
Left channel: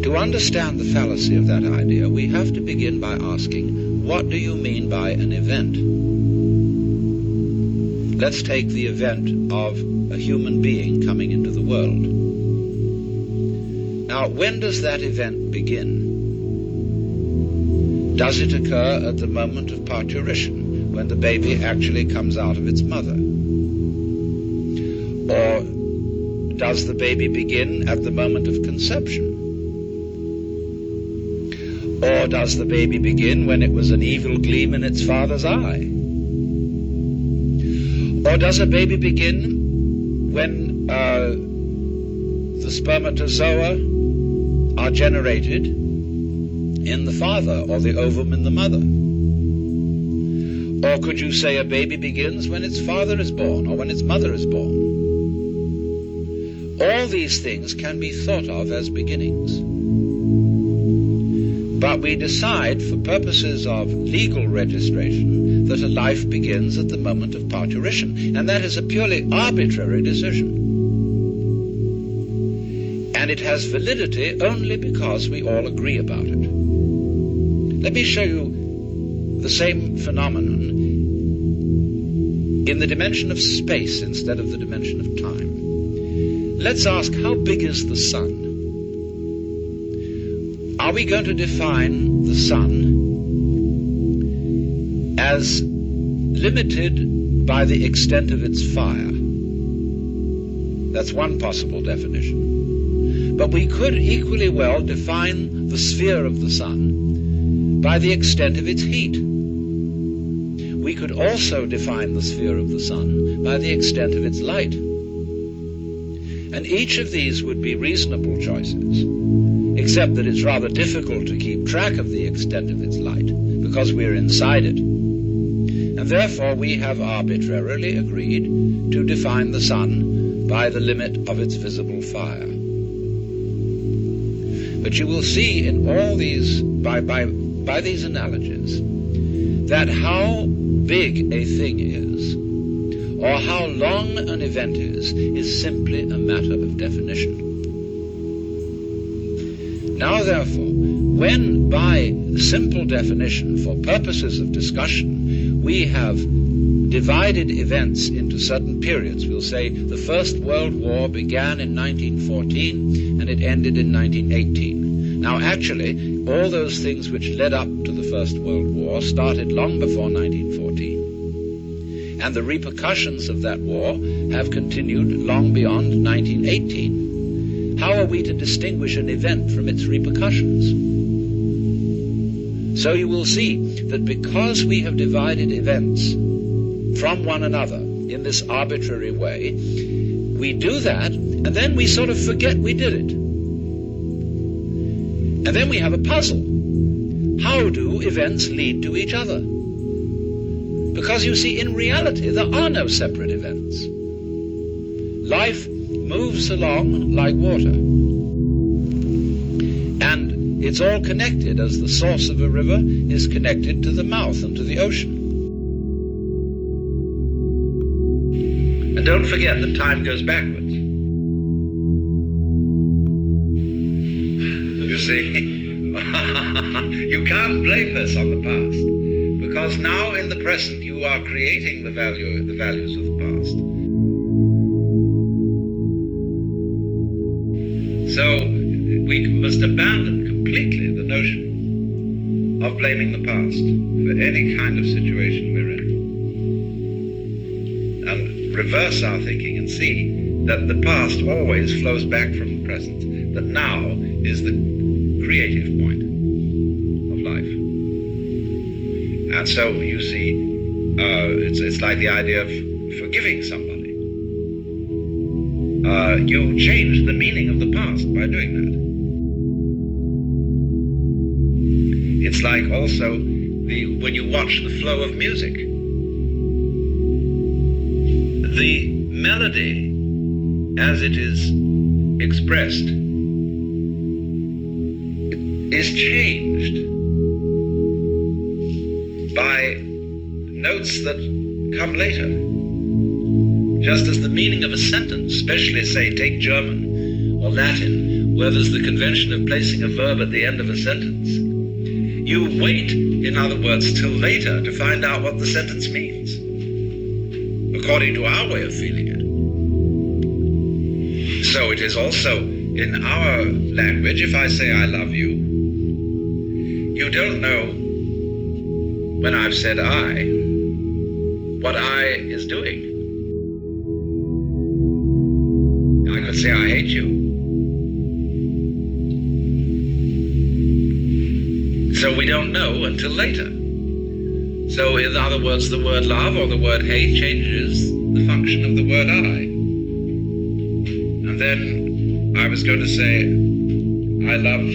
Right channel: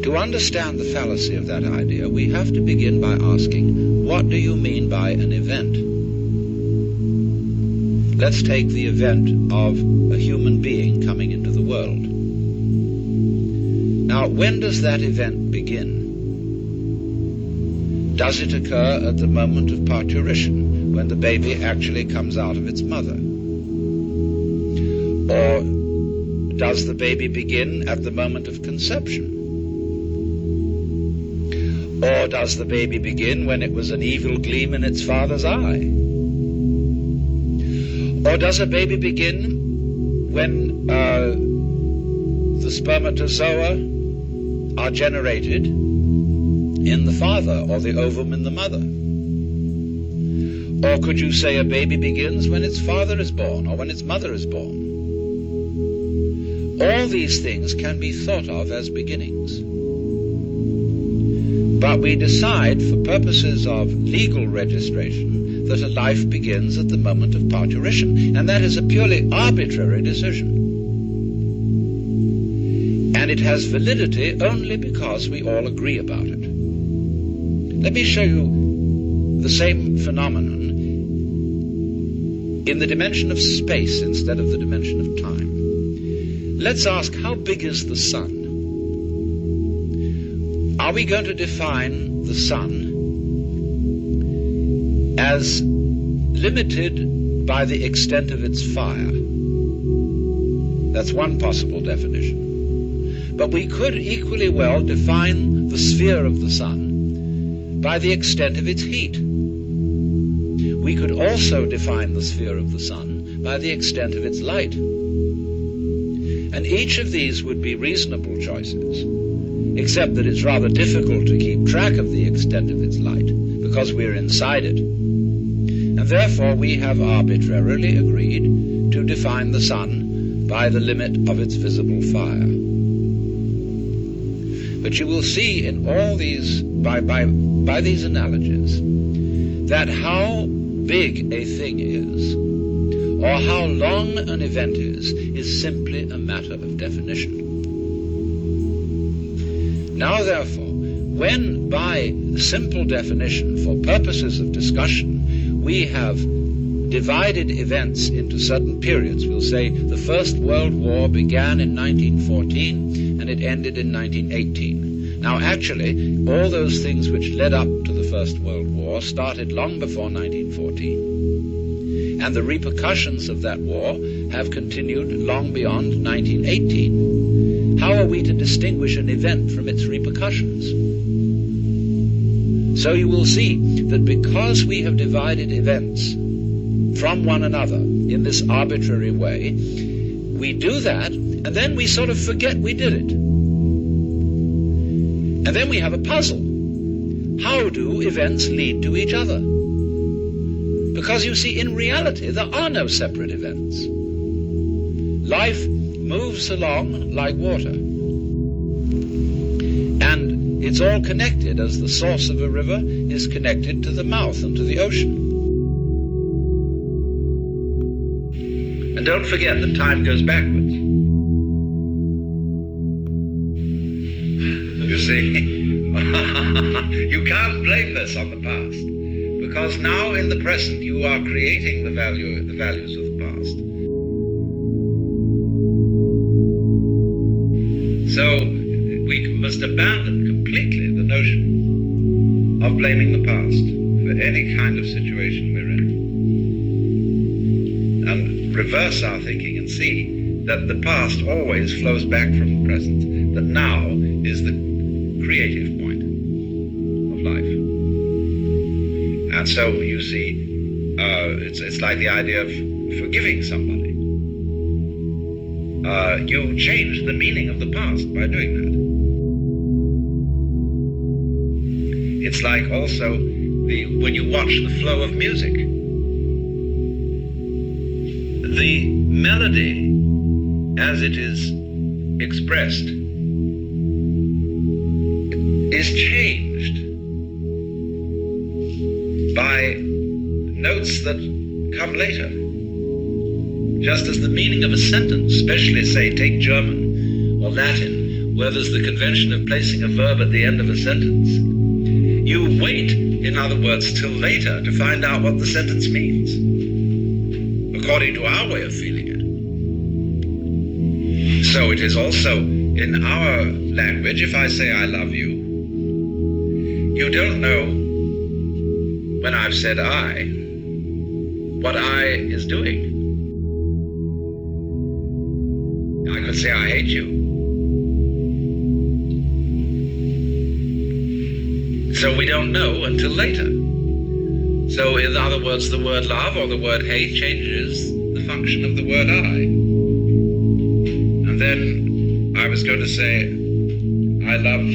To understand the fallacy of that idea, we have to begin by asking, what do you mean by an event? Let's take the event of a human being coming into the world. Now, when does that event begin? Does it occur at the moment of parturition, when the baby actually comes out of its mother? Or does the baby begin at the moment of conception? Or does the baby begin when it was an evil gleam in its father's eye? Or does a baby begin when the spermatozoa are generated in the father, or the ovum in the mother? Or could you say a baby begins when its father is born, or when its mother is born? All these things can be thought of as beginnings. But we decide, for purposes of legal registration, that a life begins at the moment of parturition, and that is a purely arbitrary decision. And it has validity only because we all agree about it. Let me show you the same phenomenon in the dimension of space instead of the dimension of time. Let's ask, how big is the sun? Are we going to define the sun as limited by the extent of its fire? That's one possible definition. But we could equally well define the sphere of the sun by the extent of its heat. We could also define the sphere of the sun by the extent of its light. And each of these would be reasonable choices, except that it's rather difficult to keep track of the extent of its light, because we're inside it. And therefore we have arbitrarily agreed to define the sun by the limit of its visible fire. But you will see in all these, by these analogies, that how big a thing is, or how long an event is simply a matter of definition. Now, therefore, when by simple definition, for purposes of discussion, we have divided events into certain periods, we'll say the First World War began in 1914 and it ended in 1918. Now, actually, all those things which led up to the First World War started long before 1914. And the repercussions of that war have continued long beyond 1918. How are we to distinguish an event from its repercussions? So you will see that because we have divided events from one another in this arbitrary way, we do that, and then we sort of forget we did it. And then we have a puzzle. How do events lead to each other? Because you see, in reality, there are no separate events. Life moves along like water. And it's all connected, as the source of a river is connected to the mouth and to the ocean. And don't forget that time goes backwards. You see, you can't blame this on the past, because now in the present you are creating the values of the past. So we must abandon completely the notion of blaming the past for any kind of situation we're in, and reverse our thinking and see that the past always flows back from the present, that now is the creative point of life. And so you see, it's like the idea of forgiving somebody. You change the meaning of the past by doing that. It's like also when you watch the flow of music. The melody, as it is expressed, is changed by notes that come later. Just as the meaning of a sentence, especially, say, take German or Latin, where there's the convention of placing a verb at the end of a sentence, you wait, in other words, till later to find out what the sentence means, according to our way of feeling it. So it is also in our language, if I say I love you, you don't know, when I've said I, what I is doing. I could say I hate you. So we don't know until later. So in other words, the word love or the word hate changes the function of the word I. And then I was going to say, I love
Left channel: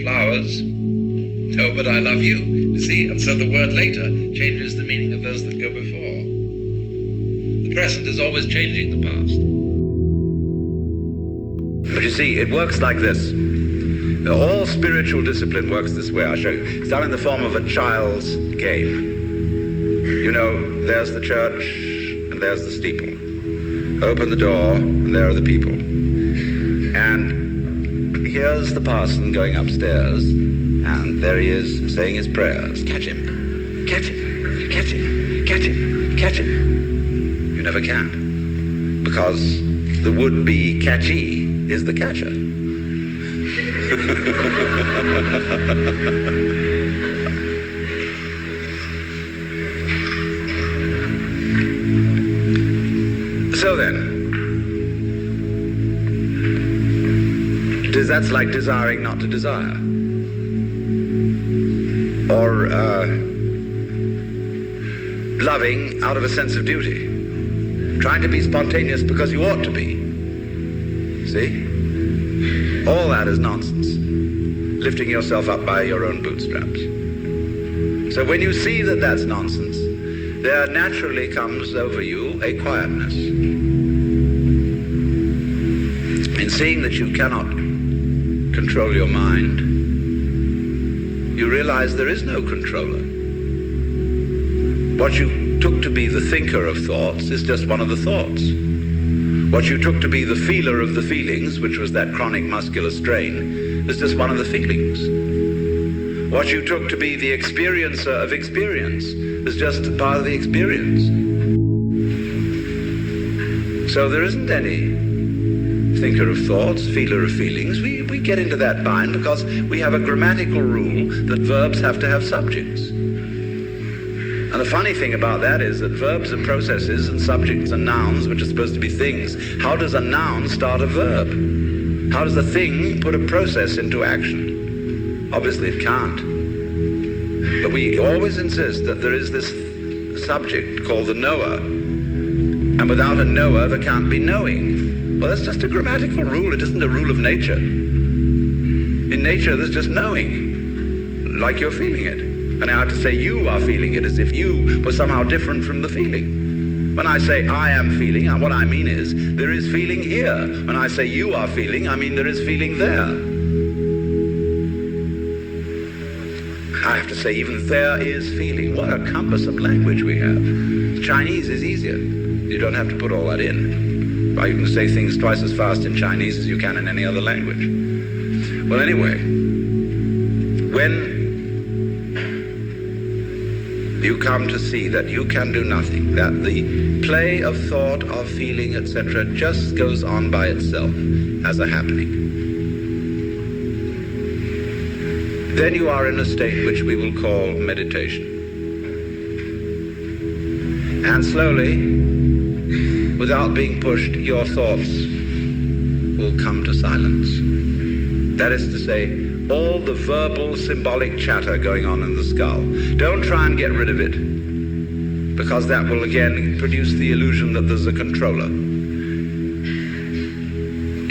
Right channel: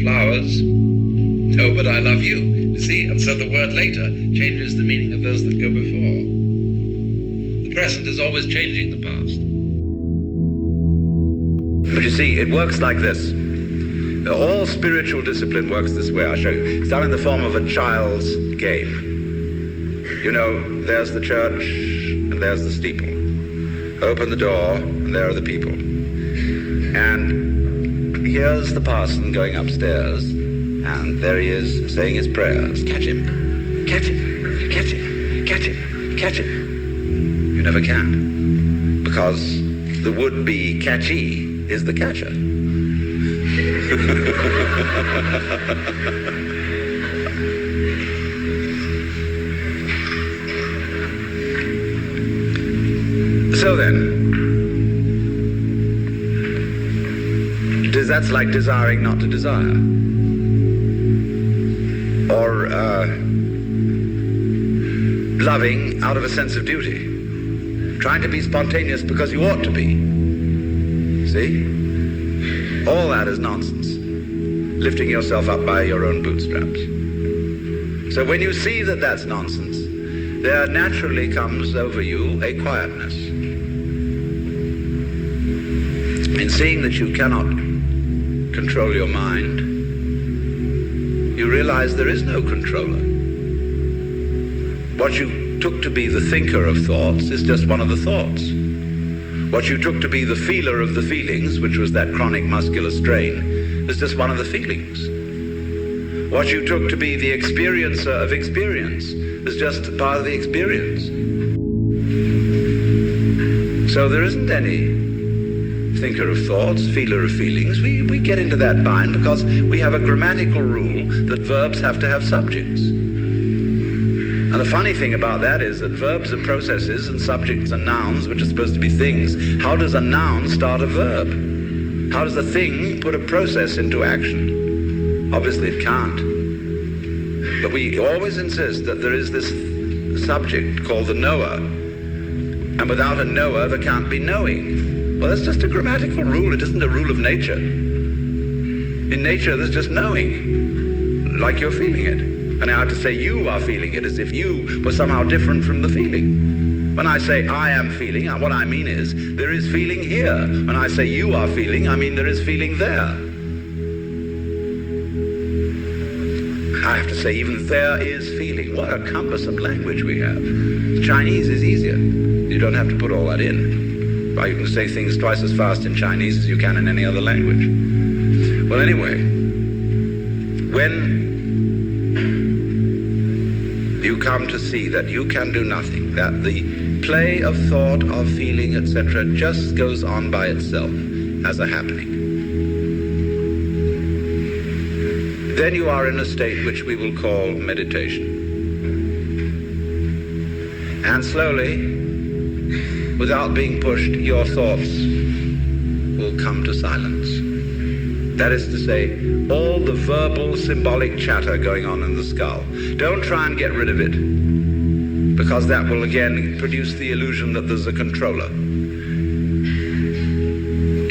flowers. No, but I love you. You see? And so the word later changes the meaning of those that go before. The present is always changing the past. But you see, it works like this. All spiritual discipline works this way. I'll show you. It's done in the form of a child's game. You know, there's the church and there's the steeple. Open the door and there are the people. And here's the parson going upstairs, and there he is saying his prayers. Catch him, catch him, catch him, catch him, catch him. You never can, because the would-be catchy is the catcher. So then, that's like desiring not to desire. Or loving out of a sense of duty. Trying to be spontaneous because you ought to be. See? All that is nonsense. Lifting yourself up by your own bootstraps. So when you see that that's nonsense, there naturally comes over you a quietness. In seeing that you cannot control your mind, you realize there is no controller. What you took to be the thinker of thoughts is just one of the thoughts. What you took to be the feeler of the feelings, which was that chronic muscular strain, is just one of the feelings. What you took to be the experiencer of experience is just part of the experience. So there isn't any thinker of thoughts, feeler of feelings. We get into that bind because we have a grammatical rule that verbs have to have subjects. And the funny thing about that is that verbs are processes and subjects are nouns, which are supposed to be things. How does a noun start a verb? How does a thing put a process into action? Obviously it can't. But we always insist that there is this subject called the knower. And without a knower, there can't be knowing. Well, that's just a grammatical rule. It isn't a rule of nature. In nature, there's just knowing, like you're feeling it. And I have to say you are feeling it as if you were somehow different from the feeling. When I say I am feeling, what I mean is there is feeling here. When I say you are feeling, I mean there is feeling there. I have to say even there is feeling. What a cumbersome language we have. Chinese is easier. You don't have to put all that in. Well, you can say things twice as fast in Chinese as you can in any other language. Well, anyway, when you come to see that you can do nothing, that the play of thought, of feeling, etc. just goes on by itself as a happening, then you are in a state which we will call meditation. And slowly, without being pushed, your thoughts will come to silence. That is to say, all the verbal, symbolic chatter going on in the skull. Don't try and get rid of it, because that will again produce the illusion that there's a controller.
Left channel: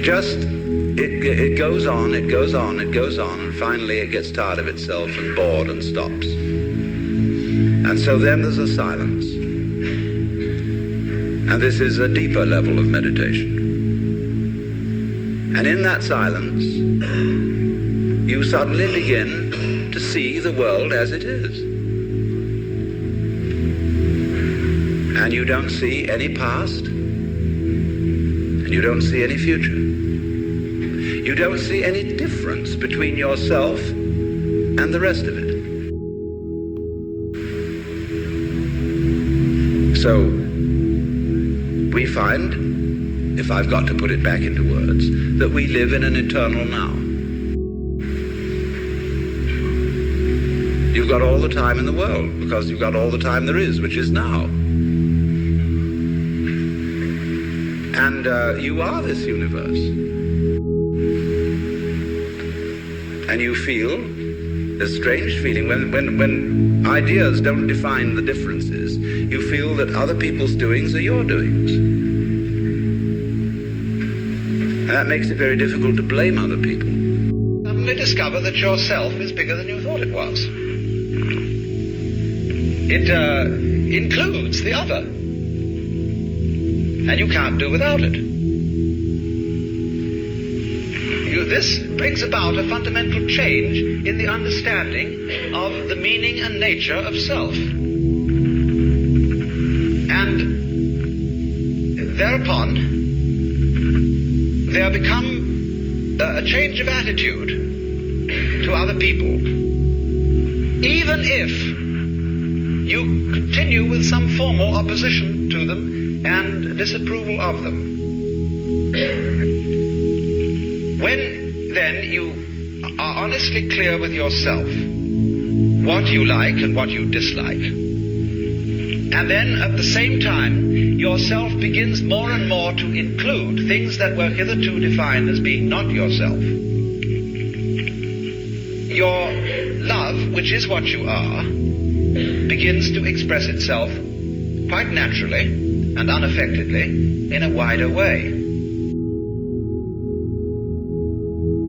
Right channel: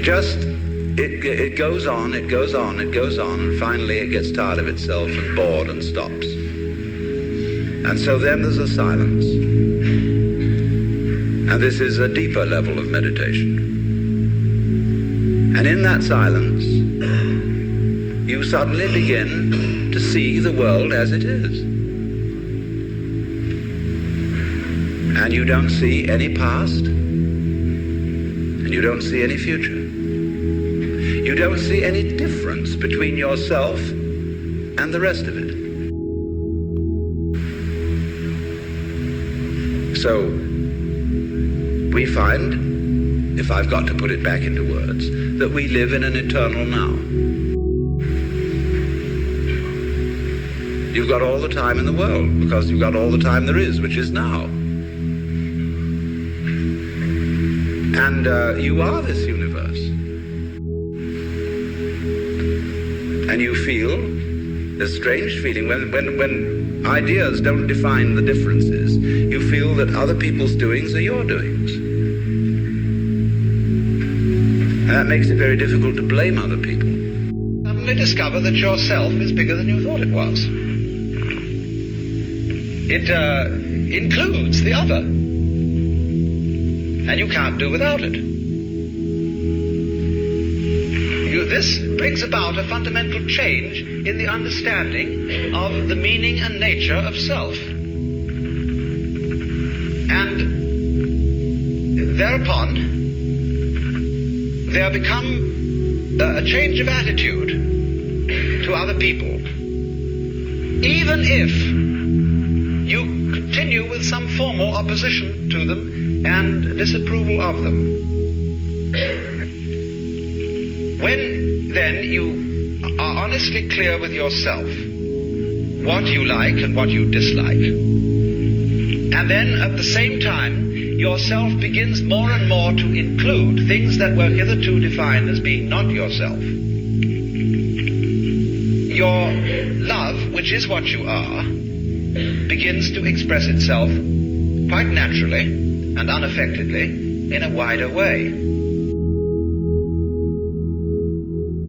Just, it goes on, it goes on, it goes on, and finally it gets tired of itself and bored and stops. And so then there's a silence. And this is a deeper level of meditation. And in that silence, you suddenly begin to see the world as it is. And you don't see any past, and you don't see any future. You don't see any difference between yourself and the rest of it. So, we find, if I've got to put it back into words, that we live in an eternal now. You've got all the time in the world, because you've got all the time there is, which is now. And you are this universe. And you feel A strange feeling when ideas don't define the differences. You feel that other people's doings are your doings. And that makes it very difficult to blame other people. Suddenly discover that yourself is bigger than you thought it was. It includes the other. And you can't do without it. This brings about a fundamental change in the understanding of the meaning and nature of self. And thereupon, there become a change of attitude to other people, even if you continue with some formal opposition to them and disapproval of them. When then you are honestly clear with yourself what you like and what you dislike, and then at the same time yourself begins more and more to include things that were hitherto defined as being not yourself, your love, which is what you are, begins to express itself quite naturally and unaffectedly in a wider way.